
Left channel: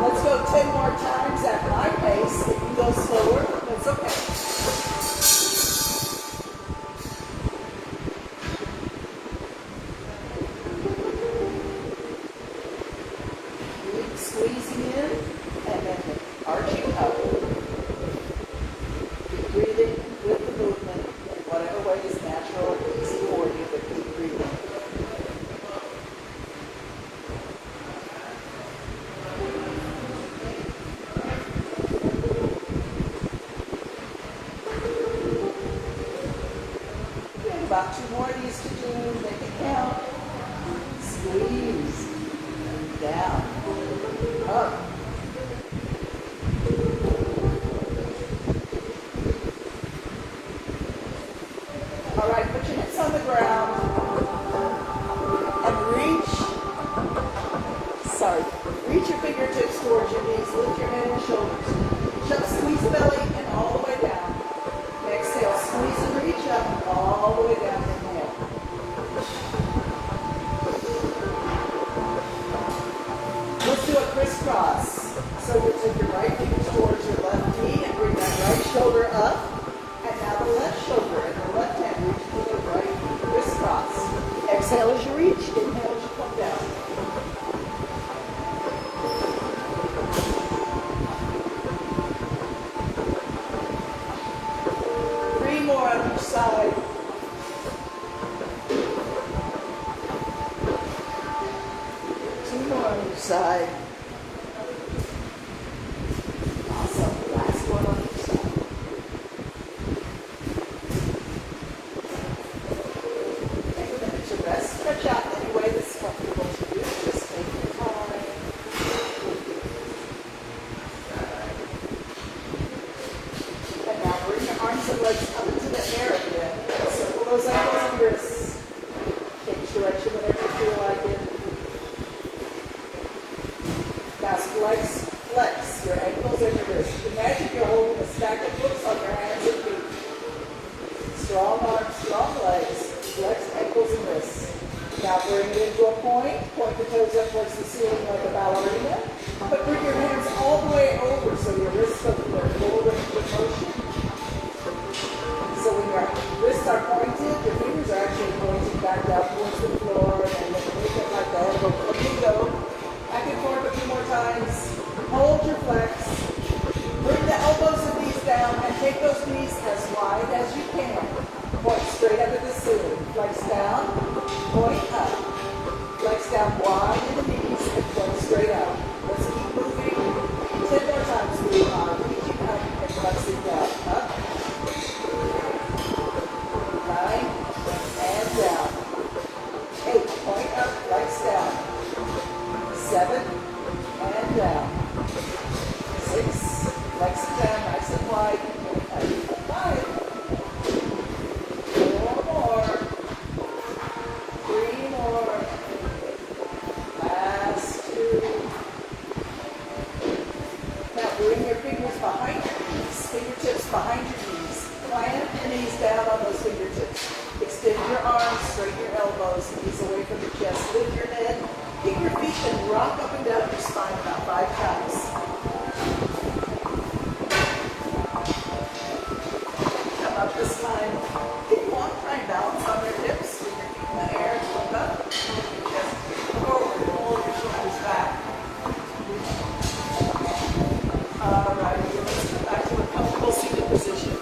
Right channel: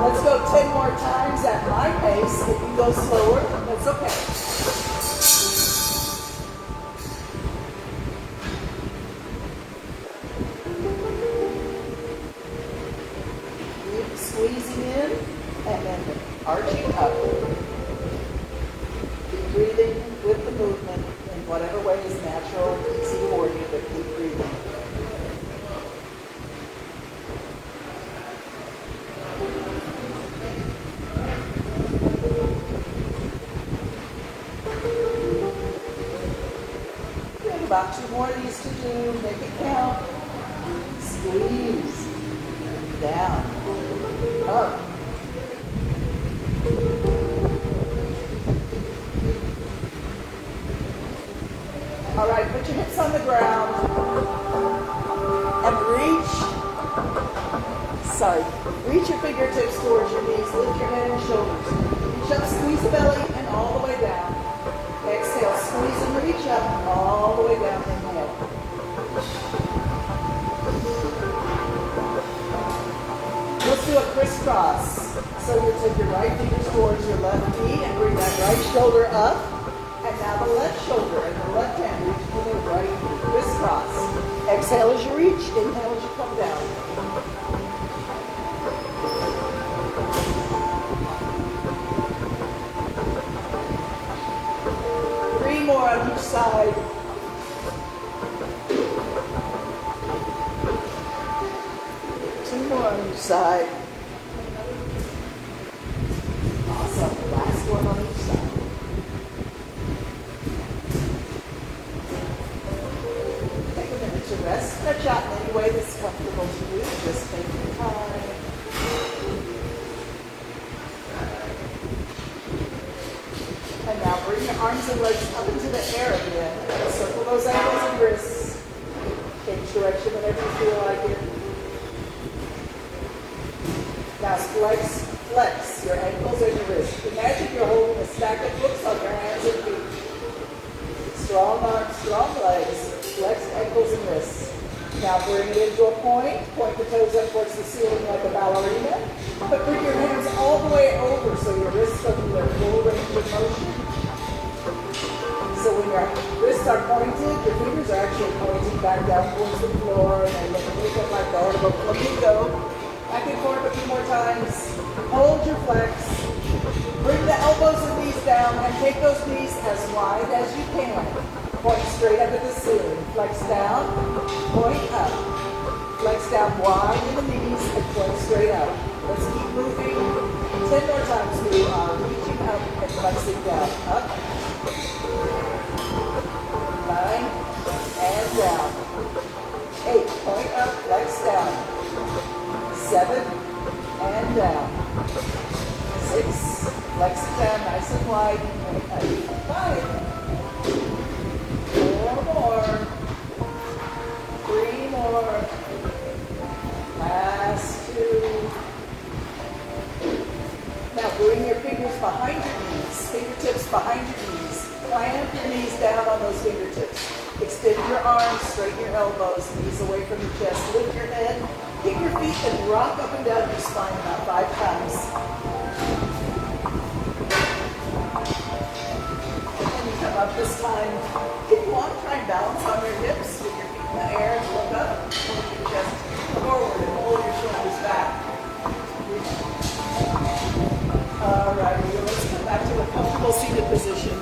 Let's go 10 more times at my pace. got 2 more of these to do. Make it count. Squeeze. Down. Up. All right, put your hips on the ground and reach your fingertips towards your knees. Lift your head and shoulders. Reach up, squeeze the belly, and all the way down. Exhale, squeeze and reach up, all the way down. Inhale. Let's do a crisscross. So you take your right finger towards your left knee and bring that right shoulder up. And now the left shoulder and the left hand reach for the right crisscross. Exhale as you reach. Inhale as you come down. More on each side. Two more on each side. Awesome. Last one on each side. Take a minute to rest. Stretch out in any way that's comfortable to you. Just take your time. And now bring your arms and legs up into the air again. Circle those ankles and wrists. Change direction whenever you feel like it. Now flex your ankles and your wrists. Imagine you're holding a stack of books on your hands and feet. Strong arms, strong legs. Flex ankles and wrists. Now bring it into a point. Point the toes up towards the ceiling like a ballerina. But bring your hands all the way over so your wrists are in their full range of motion. So when your wrists are pointed, your fingers are actually pointing back down towards the floor, and then you can move them like that. Go flamingo. Back and forth a few more times. Hold your flex. Bring the elbows and knees down and take those knees as wide as you can. Point straight up at the ceiling. Flex down, point up. Flex down wide in the knees and point straight up. Let's keep moving. 10 more times we are reaching up and flexing down. Up. 9 and down. 8, point up, flex down. 7 and down. 6, flex it down nice and wide. Point up. 5. 4 more. 3 more. Last 2. Now bring your fingers behind your knees. Fingertips behind your knees. Plant your knees down on those fingertips. Extend your arms, straighten your elbows, knees away from your chest. Lift your head, kick your feet, and rock up and down your spine about 5 times. And come up this time. If you want, try and balance on your hips with your feet in the air. Look up. Just come forward and hold your shoulders back. All right, let's come back to a comfortable seated position.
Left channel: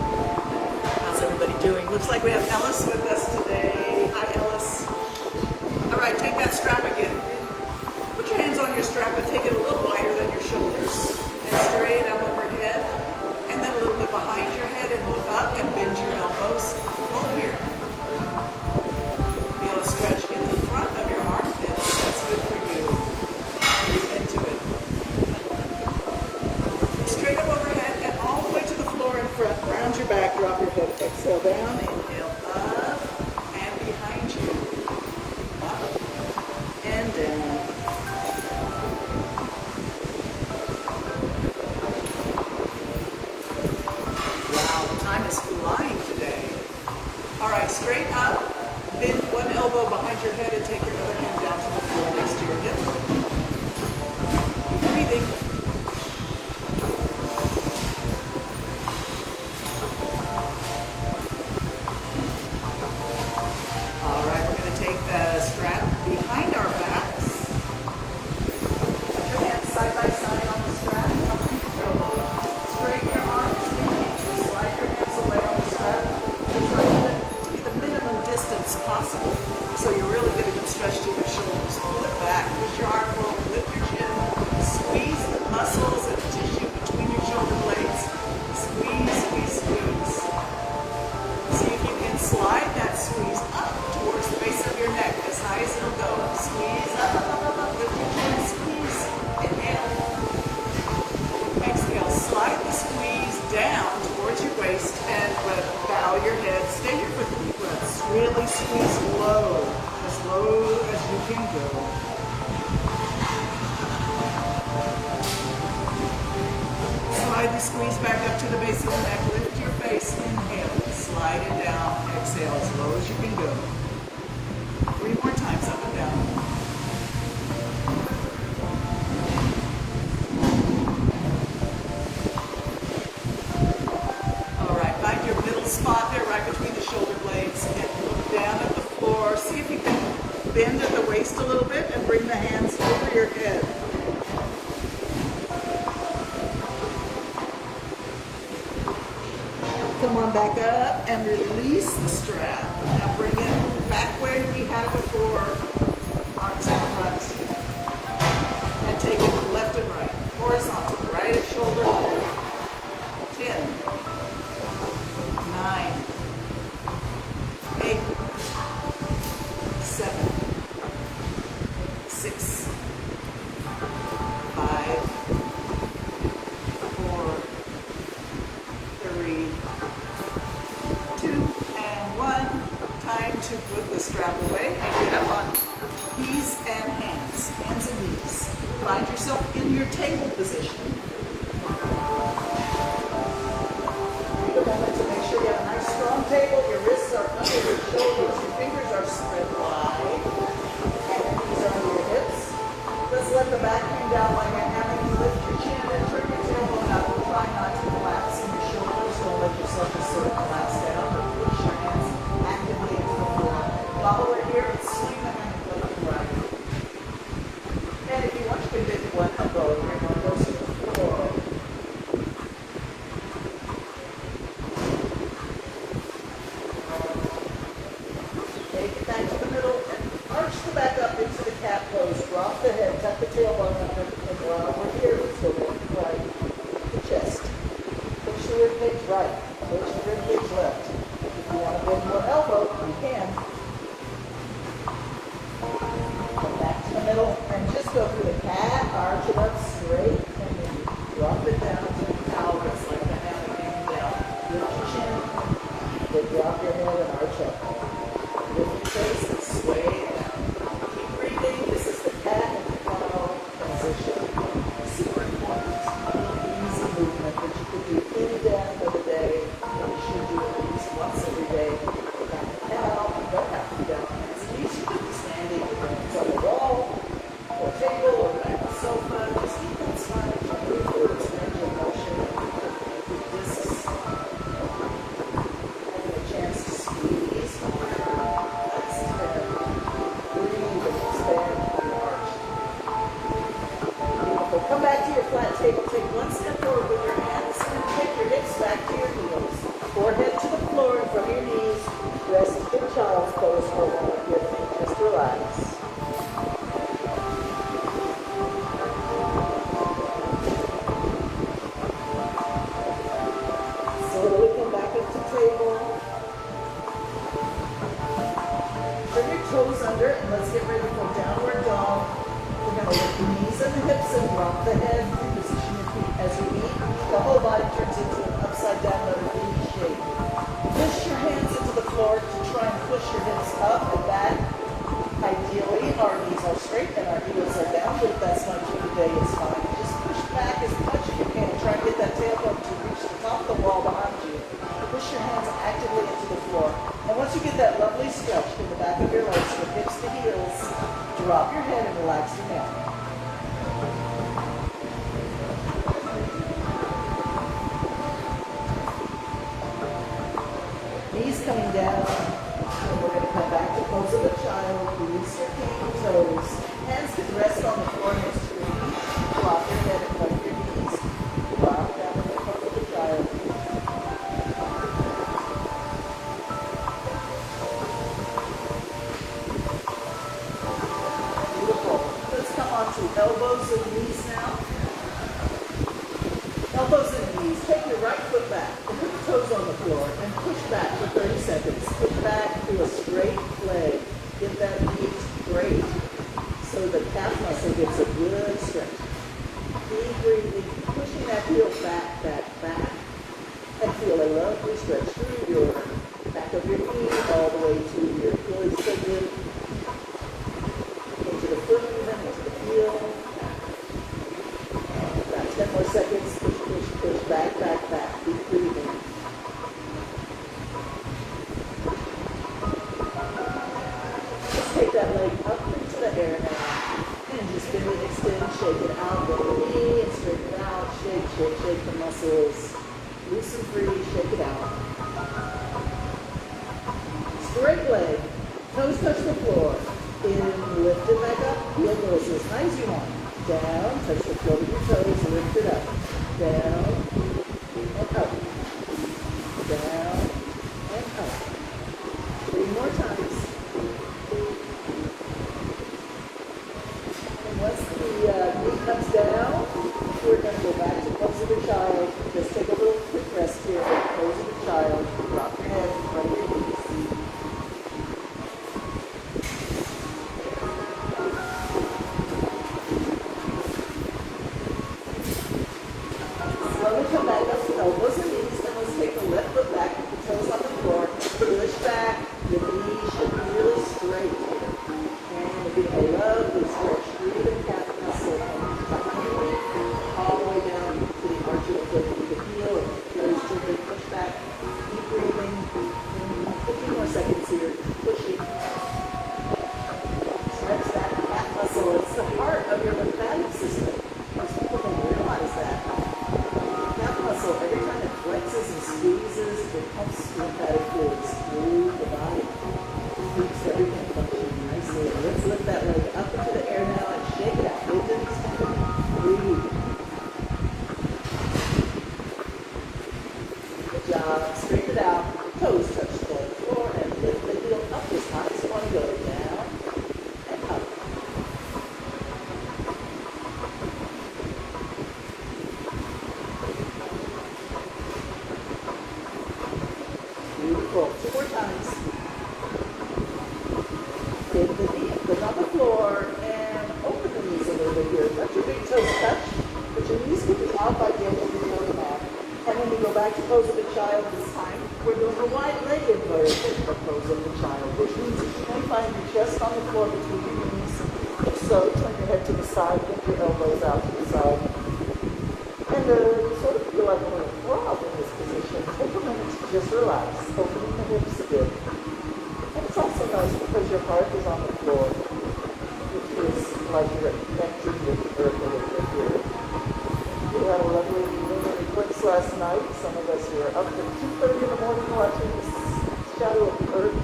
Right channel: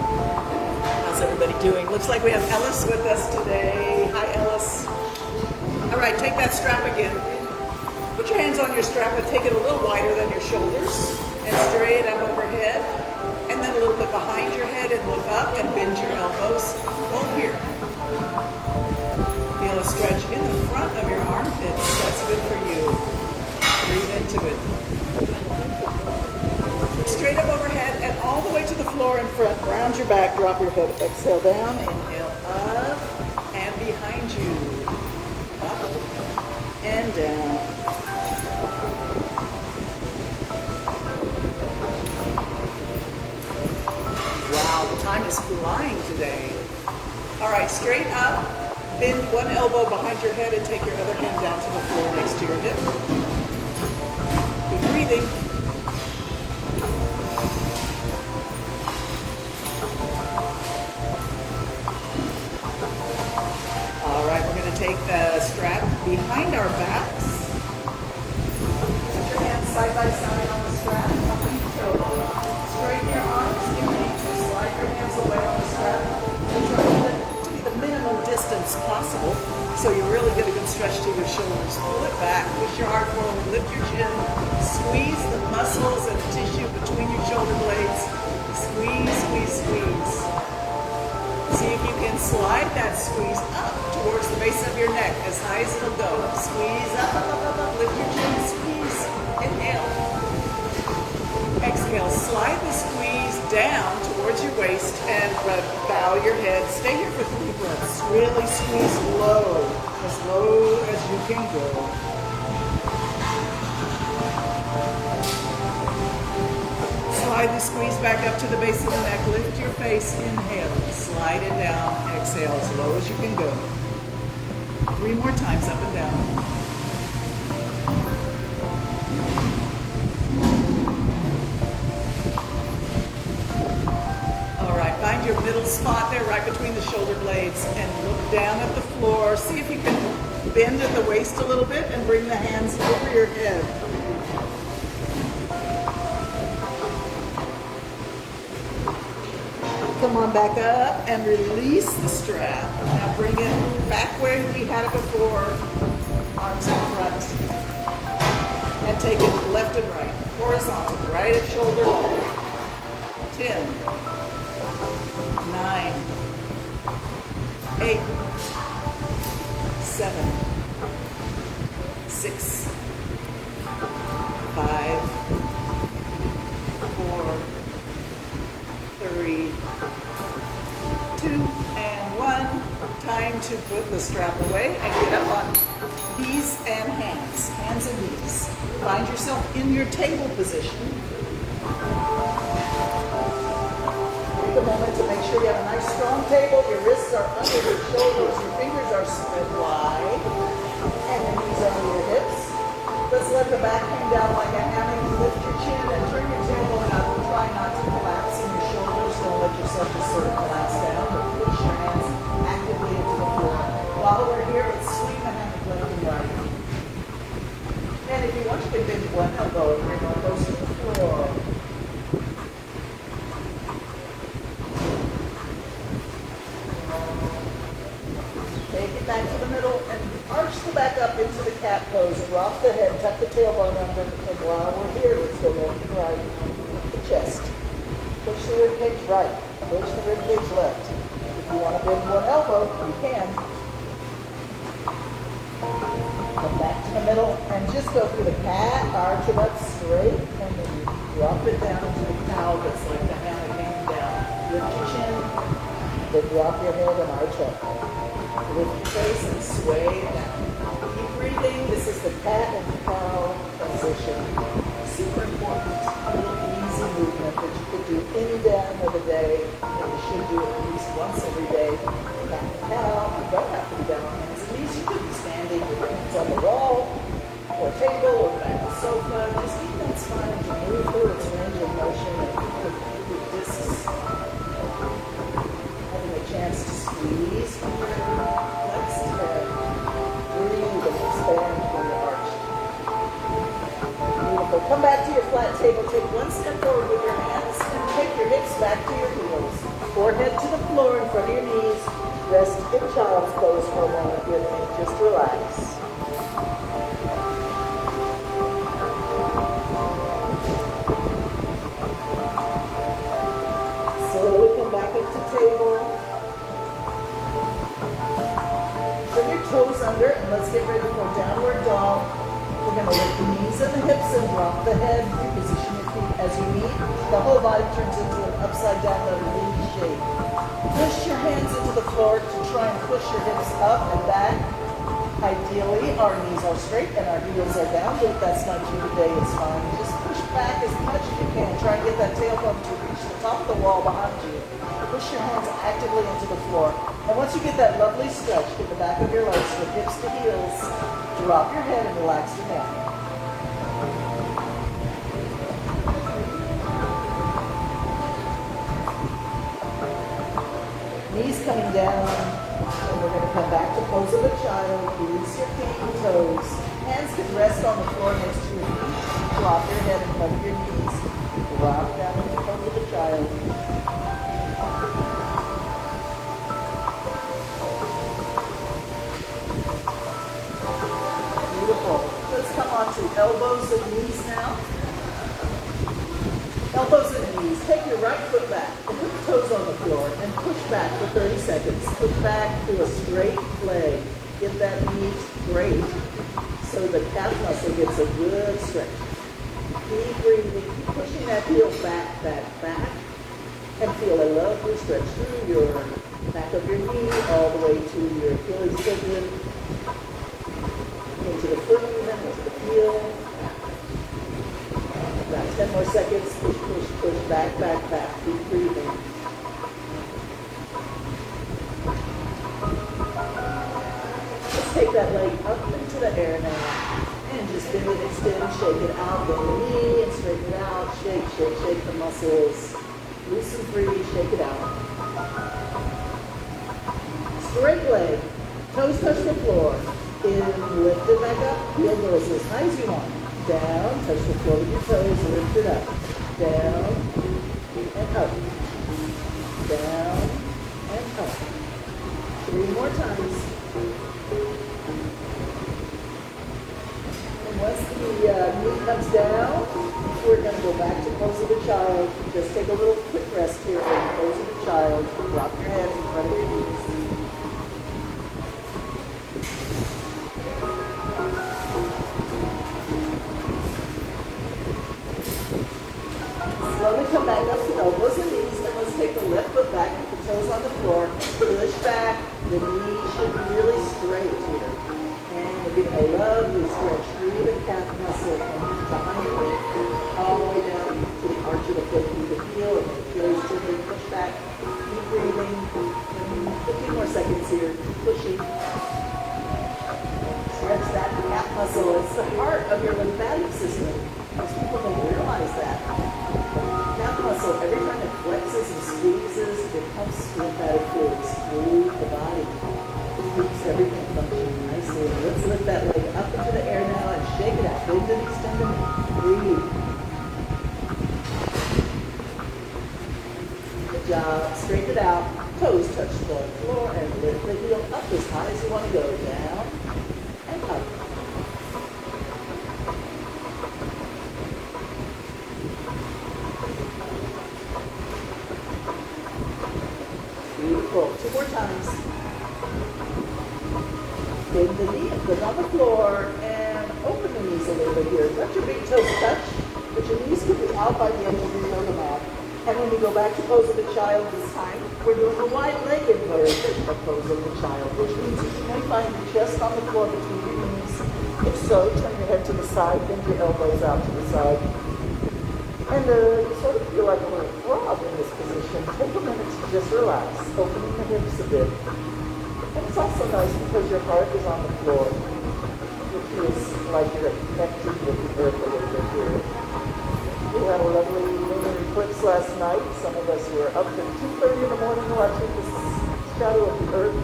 How's everybody doing? Looks like we have Ellis with us today. Hi, Ellis. All right, take that strap again. Put your hands on your strap and take it a little wider than your shoulders. And straight up overhead. And then a little bit behind your head and look up and bend your elbows. Go here. Feel a stretch in the front of your armpits. That's good for you. Breathe into it. Straight up overhead and all the way to the floor in front. Round your back, drop your foot. Exhale down, inhale up and behind you. Up and down. Wow, the time is flying today. All right, straight up. Bend one elbow behind your head and take your other hand down to the floor next to your hip. Keep breathing. All right, we're going to take the strap behind our backs. Put your hands side by side on the strap. Straighten your arms, slide your hips away on the strap. And try to be the minimum distance possible, so you're really getting a good stretch to your shoulders. Pull it back, push your heart forward, lift your chin, squeeze the muscles and the tissue between your shoulder blades. Squeeze, squeeze, squeeze. See if you as low as you can go. Slightly squeeze back up to the base of the neck. Lift your face. Inhale. Slide it down. Exhale as low as you can go. 3 more times up and down. All right, find your middle spot there right between the shoulder blades and look down at the floor. See if you can bend at the waist a little bit and bring the hands over your head. Come on back up and release the strap. Now bring it back where we had it before. Arms in front. And take it left and right. Horizontal. Right at shoulder level. 10. 9. 8. 7. 6. 5. 4. 3. 2 and 1. Time to put the strap away and get up on knees and hands. Hands and knees. Find yourself in your table position. Take a moment to make sure you have a nice strong table. Your wrists are under your shoulders. Your fingers are spread wide. And your knees are under your hips. Let's let the back hang down like a hammer. You lift your chin and turn your tailbone up. Try not to collapse in your shoulders. Don't let yourself just sort of collapse down, but push your hands actively into the floor. While we're here, let's swing the hammock left and right. And if you want, you can bend one elbow. Bring one elbow to the floor. Take it back to the middle and arch the back up into the cat pose. Drop the head, tuck the tailbone under, and while we're here, let's go left and right. The chest. Push the rib cage right. Push the rib cage left. If you want to bend one elbow, you can. Come back to the middle and just go through the cat, arch it up straight, and then you drop it down into the cow. Just let the hammock hang down. Lift your chin, then drop your head and arch up. Lift your face and sway down. Keep breathing. This is the cat and cow position. Super important. Easy movement that you could do any time of the day, and you should do it at least once every day. Back the cow. You don't have to be down on hands and knees. You could be standing with your hands on the wall, or table, or back the sofa. Just keep that spine to move through its range of motion and keep the discs having a chance to squeeze from your legs to breathe and expand on your arch. Beautiful. Come back to your flat table. Take one step forward with your hands and take your hips back to your heels. Forehead to the floor in front of your knees. Rest in child's pose for a moment. Just relax. Slowly come back up to table. Bring your toes under and let's get ready for downward dog. We're going to lift the knees and the hips and drop the head. Position your feet as you meet. The whole body turns into an upside down V shape. Push your hands into the floor to try and push your hips up and back. Ideally, our knees are straight and our heels are down, but if that's not you today, it's fine. Just push back as much as you can. Try and get that tailbone to reach the top of the wall behind you. Push your hands actively into the floor. And once you get that lovely stretch to the back of your legs from hips to heels, drop your head and relax your neck. Knees coming down, and we're going to come back to pose of a child. Release your feet and toes. Hands can rest on the floor next to your feet. Drop your head in front of your knees. Drop down in the pose of a child. Beautiful. Let's come on to elbows and knees now. Elbows and knees. Take your right foot back and put the toes on the floor and push back for 30 seconds. Push back to a straight leg. Get that knee straight so the calf muscle gets a good stretch. Keep breathing. Keep pushing that heel back, back, and feel a lovely stretch through your back of your knee all the way to your Achilles tendon. take that leg up into the air now. And just bend and extend, shake it out, bend the knee and straighten it out. Shake, shake, shake the muscles. Loose and free, shake it out. Straight leg, toes touch the floor. In, lift it back up, heel goes as high as you want. Down, touch the floor with your toes, lift it up. Down and up. Down and up. 3 more times. And once the knee comes down, we're going to go back to pose of a child. Just take a little quick rest here. Pose of a child. Drop your head in front of your knees. Slowly come back up to elbows and knees, and let's take the left foot back with the toes on the floor. Push back. The knee should be really straight here. And we're getting a lovely stretch through the calf muscle from behind your knee all the way down to the arch of the foot through the heel, and very gently push back. Keep breathing. And a few more seconds here. Pushing. Stretch that calf muscle. It's the heart of your lymphatic system. Most people don't realize that. Calf muscle, every time it flexes and squeezes, it pumps lymphatic fluids through the body. It keeps everything functioning nicely. And let's lift that leg up into the air now and shake it out. Bend and extend and breathe. Good job. Straighten it out. Toes touch the floor and lift the heel up as high as you want to go. Down and up. Beautiful. 2 more times. Bend the knee, put on the floor, and open the knees a little bit here. Let your big toes touch, but your knees could be out by the end of the program. And when you go back to pose of a child this time, we're doing a wide-legged version of pose of a child, which means that you may find your chest on the floor between your knees. If so, turn your head to the side, bend your elbows out to the side. And you sort of feel like a little frog in this position. Take a minute to just relax, opening the hips a bit. And it's also nice because your heart is on the floor, which is like you're connecting with the earth a little bit here. We had a lovely lunar eclipse last night. Some of us were up at 2:30 in the morning watching the shadow of the earth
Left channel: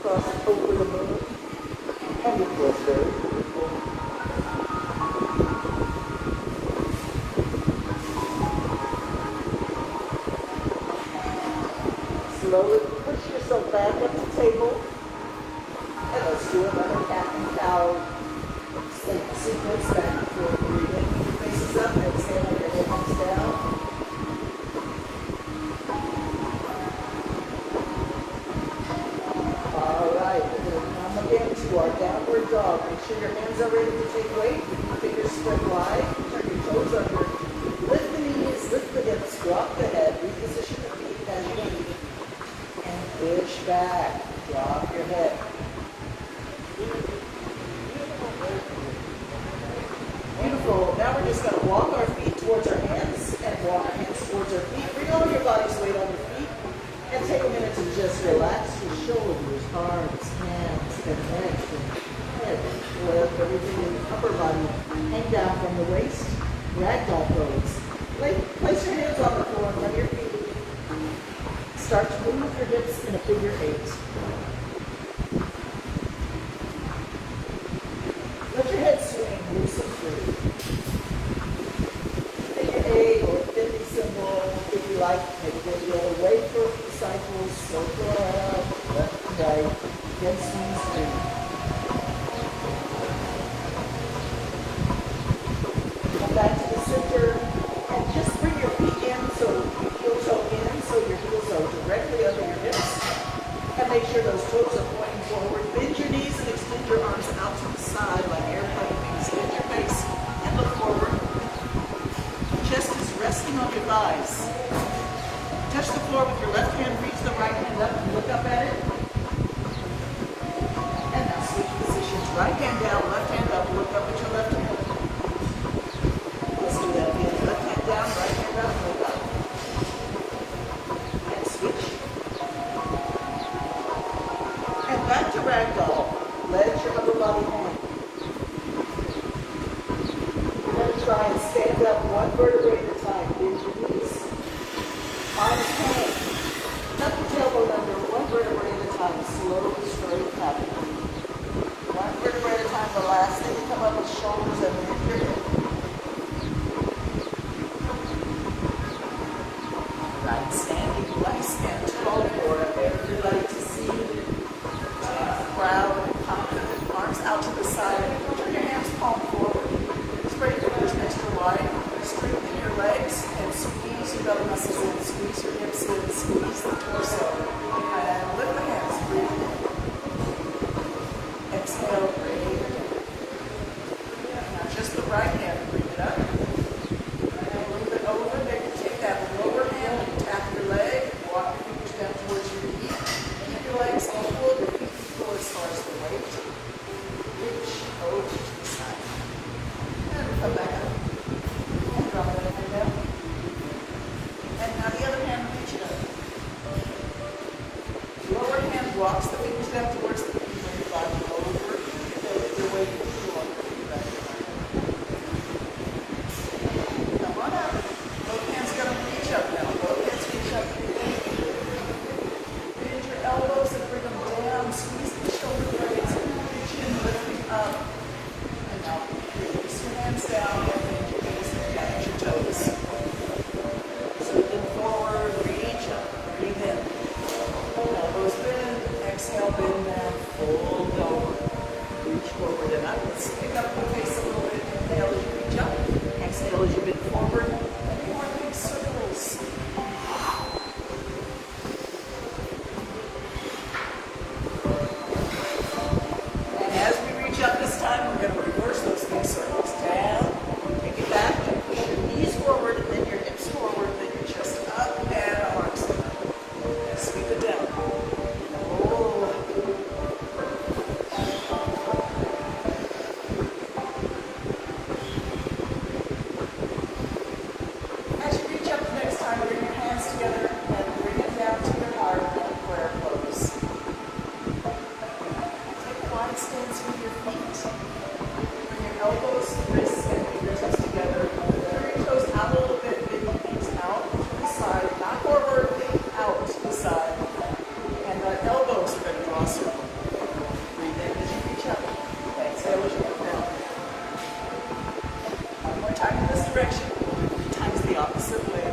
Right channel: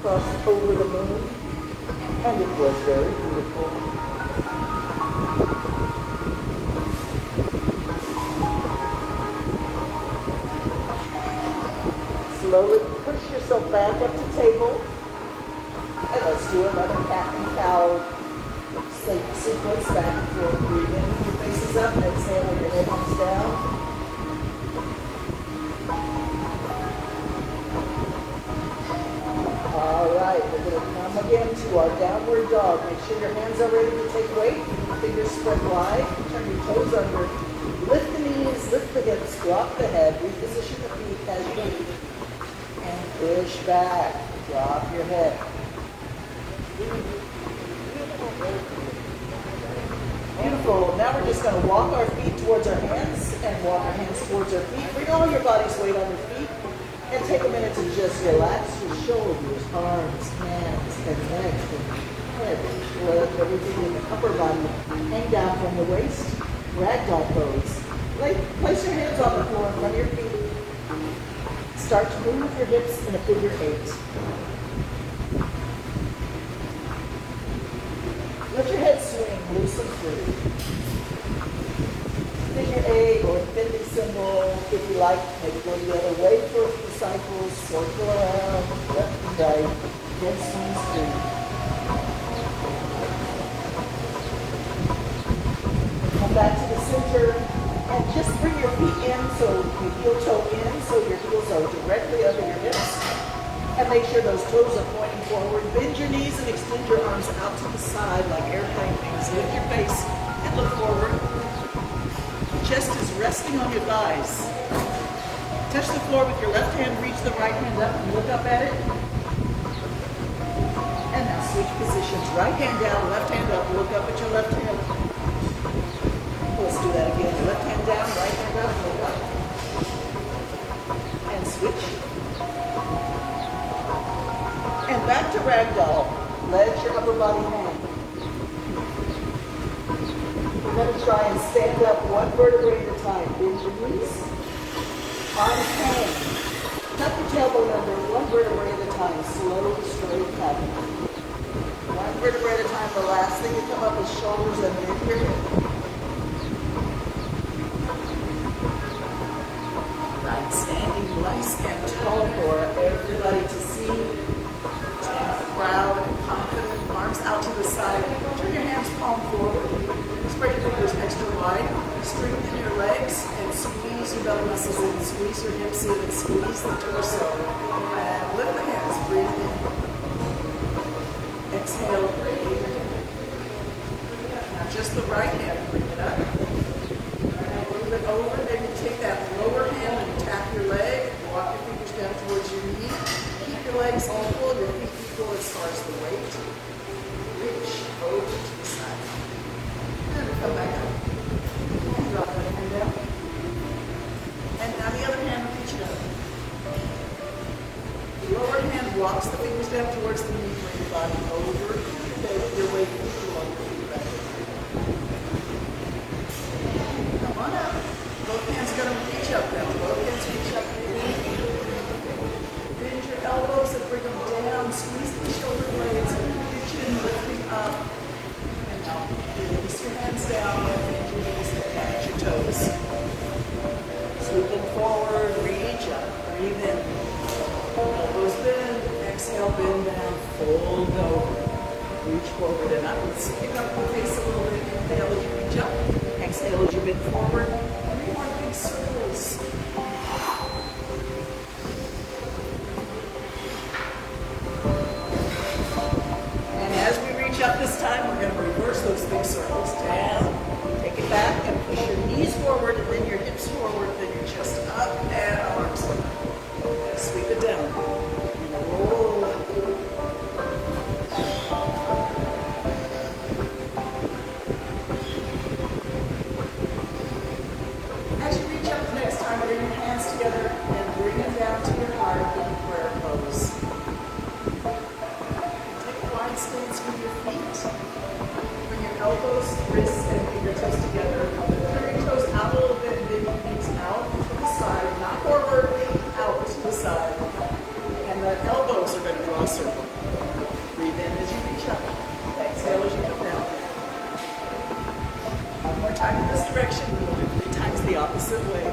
cross over the moon. And it was very beautiful. Slowly push yourself back up to table. And let's do another cat and cow sequence back and forth. Breathing. Your face is up. Exhale like your head comes down. All right. We're going to come again to our downward dog. Make sure your hands are ready to take weight. Keep your fingers spread wide. Turn your toes under. Lift the knees. Lift the hips. Drop the head. Reposition the feet as you need. And push back. Drop your head. Beautiful. Now we're just going to walk our feet towards our hands and walk our hands towards our feet. Bring all your body's weight on your feet. And take a minute to just relax your shoulders, arms, hands, and neck, and head. Let everything in your upper body hang down from the waist. Ragdoll pose. Place your hands on the floor in front of your feet. Start to move your hips in a figure 8. Let your head swing loose and free. Figure 8 or 50 symbol, if you like, maybe go the other way for a few cycles, circle around, left and right, head swings free. Come back to the center and just bring your feet in so your heel toe in so your heels are directly under your hips. And make sure those toes are pointing forward. Bend your knees and extend your arms out to the side like airplanes. Lift your face and look forward. Chest is resting on your thighs. Touch the floor with your left hand, reach the right hand up and look up at it. And now switch positions. Right hand down, left hand up, look up at your left hand. Let's do that again. Left hand down, right hand up, look up. And switch. And back to ragdoll. Legs body hand. We're going to try and stand up one vertebrae at a time. Bend your knees. Arms hang. Tuck your tailbone under one vertebrae at a time. Slowly straighten up. One vertebrae at a time. Relax. Then you come up with shoulders and here. Nice standing, nice and tall for everybody to see. Proud and confident. Arms out to the side. Turn your hands palm forward. Spread your fingers extra wide. Straighten your legs and squeeze your belly muscles in. Squeeze your hips in and squeeze the torso. And lift the hands. Breathe in. Exhale, breathe. Now just the right hand. Bring it up. And move it over. Maybe take that lower hand and tap your leg. Walk your fingers down towards your knee. Keep your legs equal. Your feet equal as far as the weight. Reach over to the side. And come back up. Drop that hand down. And now the other hand, reach it up. The lower hand walks the fingers down towards the knee when your body over. Your weight is lower. Come on up. Both hands going to reach up now. Both hands reach up. Bend your elbows and bring them down. Squeeze the shoulder blades. Your chin lifting up. And down. Release your hands down. Bend your knees and touch your toes. Sleeping forward. Reach up. Breathe in. Elbows bend. Exhale, bend down. Fold over. Reach forward and up. Stick up your face a little bit. Inhale as you reach up. Exhale as you bend forward. And more big circles. And as we reach up this time, remember, reverse those big circles down. Take it back and push your knees forward and then your hips forward, then your chest up and arms up. Sweep it down. Roll up. As you reach up next time, bring your hands together and bring them down to your heart and prayer close. Take wide spins with your feet. Bring your elbows, wrists, and fingertips together. Bring your toes out a little bit, bend your knees out to the side, not forward, out to the side. And the elbows are going to draw circle. Breathe in as you reach up. Exhale as you come down. One more time in this direction. We'll do 3 times the opposite way.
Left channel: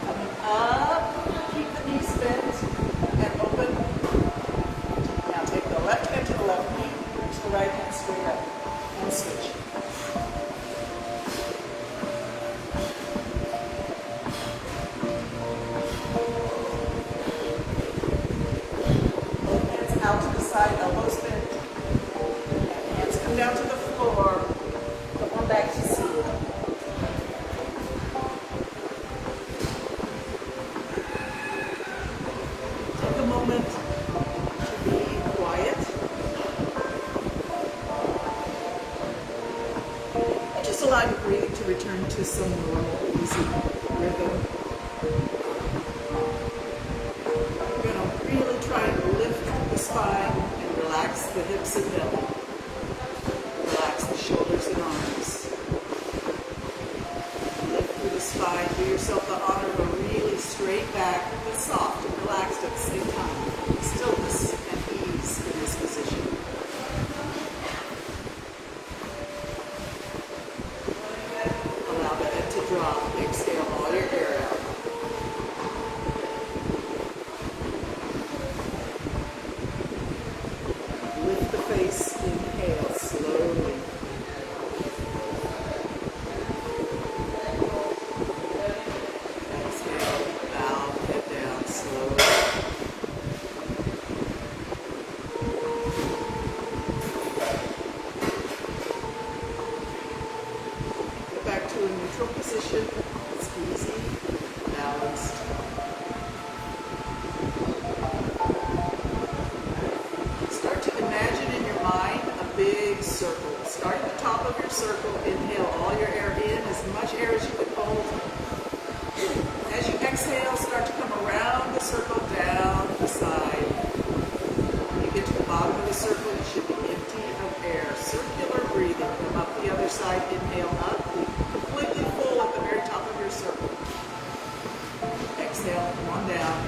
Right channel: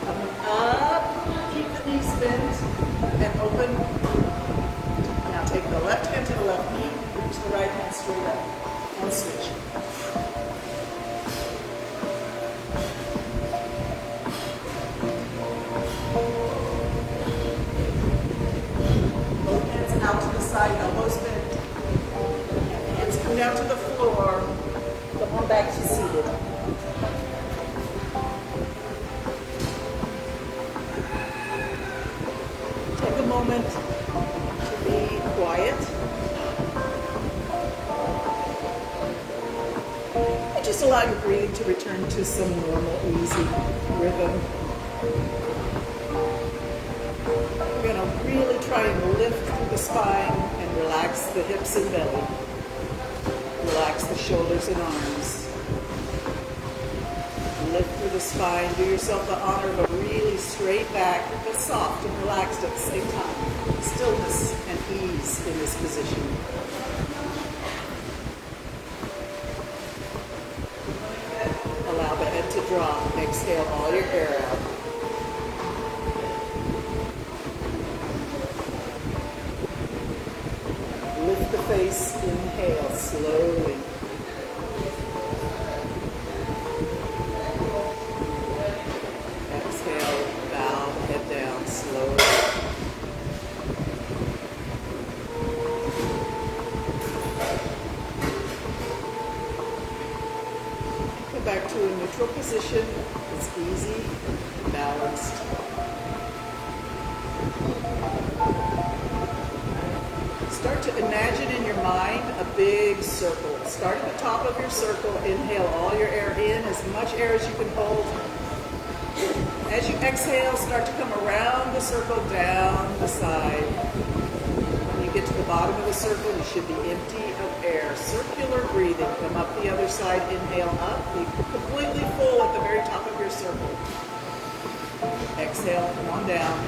Coming up, keep the knees bent and open. Now take the left hand to the left knee, push the right hand straight up, and switch. Both hands out to the side, elbows bent. Hands come down to the floor. Come on back to seated. Take a moment to be quiet. And just allow your breathing to return to some normal, easy rhythm. We're going to really try and lift the spine and relax the hips and belly. Relax the shoulders and arms. Lift through the spine. Do yourself the honor of a really straight back, but soft and relaxed at the same time. Stillness and ease in this position. Allow the head to drop. Exhale all your air out. Lift the face. Inhale slowly. Exhale, bow, head down slowly. Go back to a neutral position. It's easy, balanced. Start to imagine in your mind a big circle. Start at the top of your circle. Inhale all your air in, as much air as you can hold. exhale, start to come around the circle, down the side. When you get to the bottom of the circle, you should be empty of air. Circular breathing. Come up the other side, inhale up. Be completely full at the very top of your circle. Exhale, come on down.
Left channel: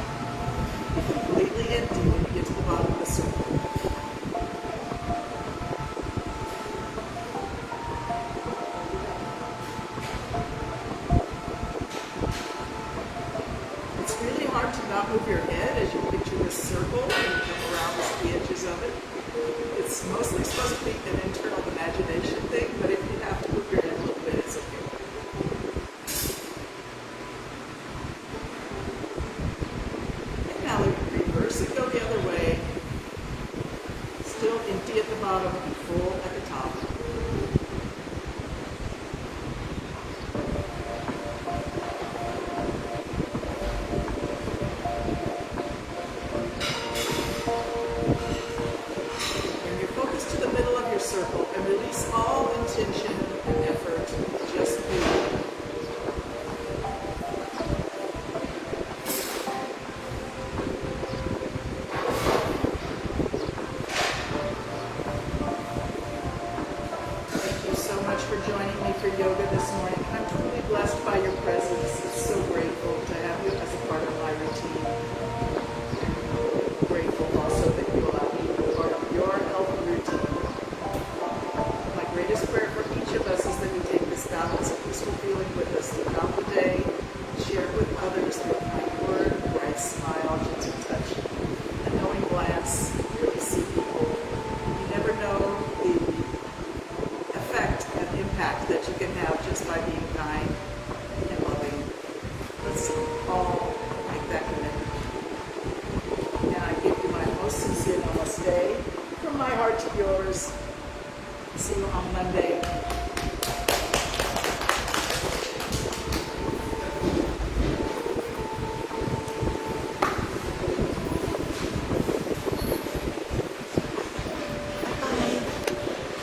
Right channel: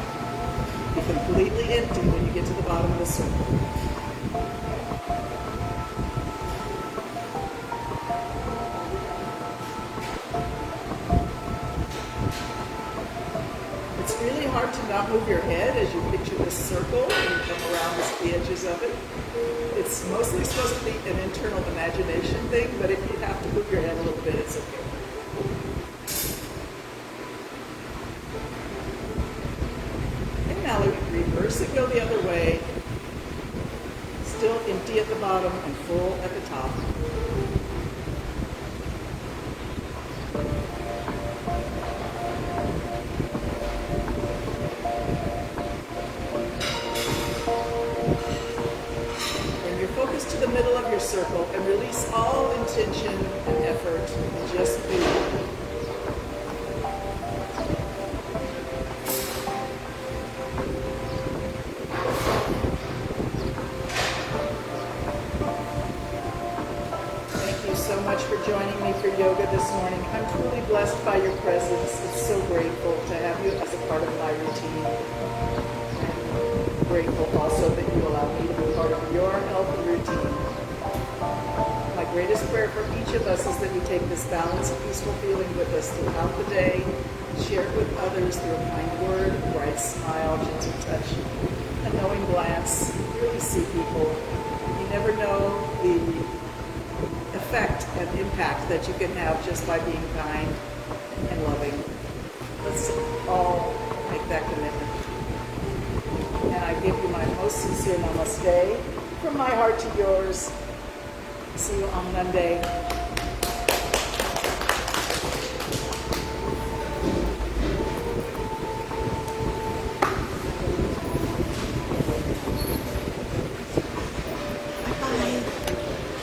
Be completely empty when you get to the bottom of the circle. It's really hard to not move your head as you picture this circle and you come around the edges of it. It's mostly supposed to be an internal imagination thing, but if you have to move your head a little bit, it's okay. And now reverse it, go the other way. Still empty at the bottom and full at the top. Focus to the middle of your circle and release all intention and effort. Just breathe. Thank you so much for joining me for yoga this morning. I'm truly blessed by your presence. I'm so grateful to have you as a part of my routine. I'm grateful also that you allow me to be part of your healthy routine. My greatest prayer for each of us is that we take this balanced, peaceful feeling with us throughout the day, share it with others through a kind word, a bright smile, gentle touch, a knowing glance. Really see people. You never know the effect and impact that you can have just by being kind and loving. Let's all make that commitment. And I give you my most sincere namaste from my heart to yours. See you on Monday.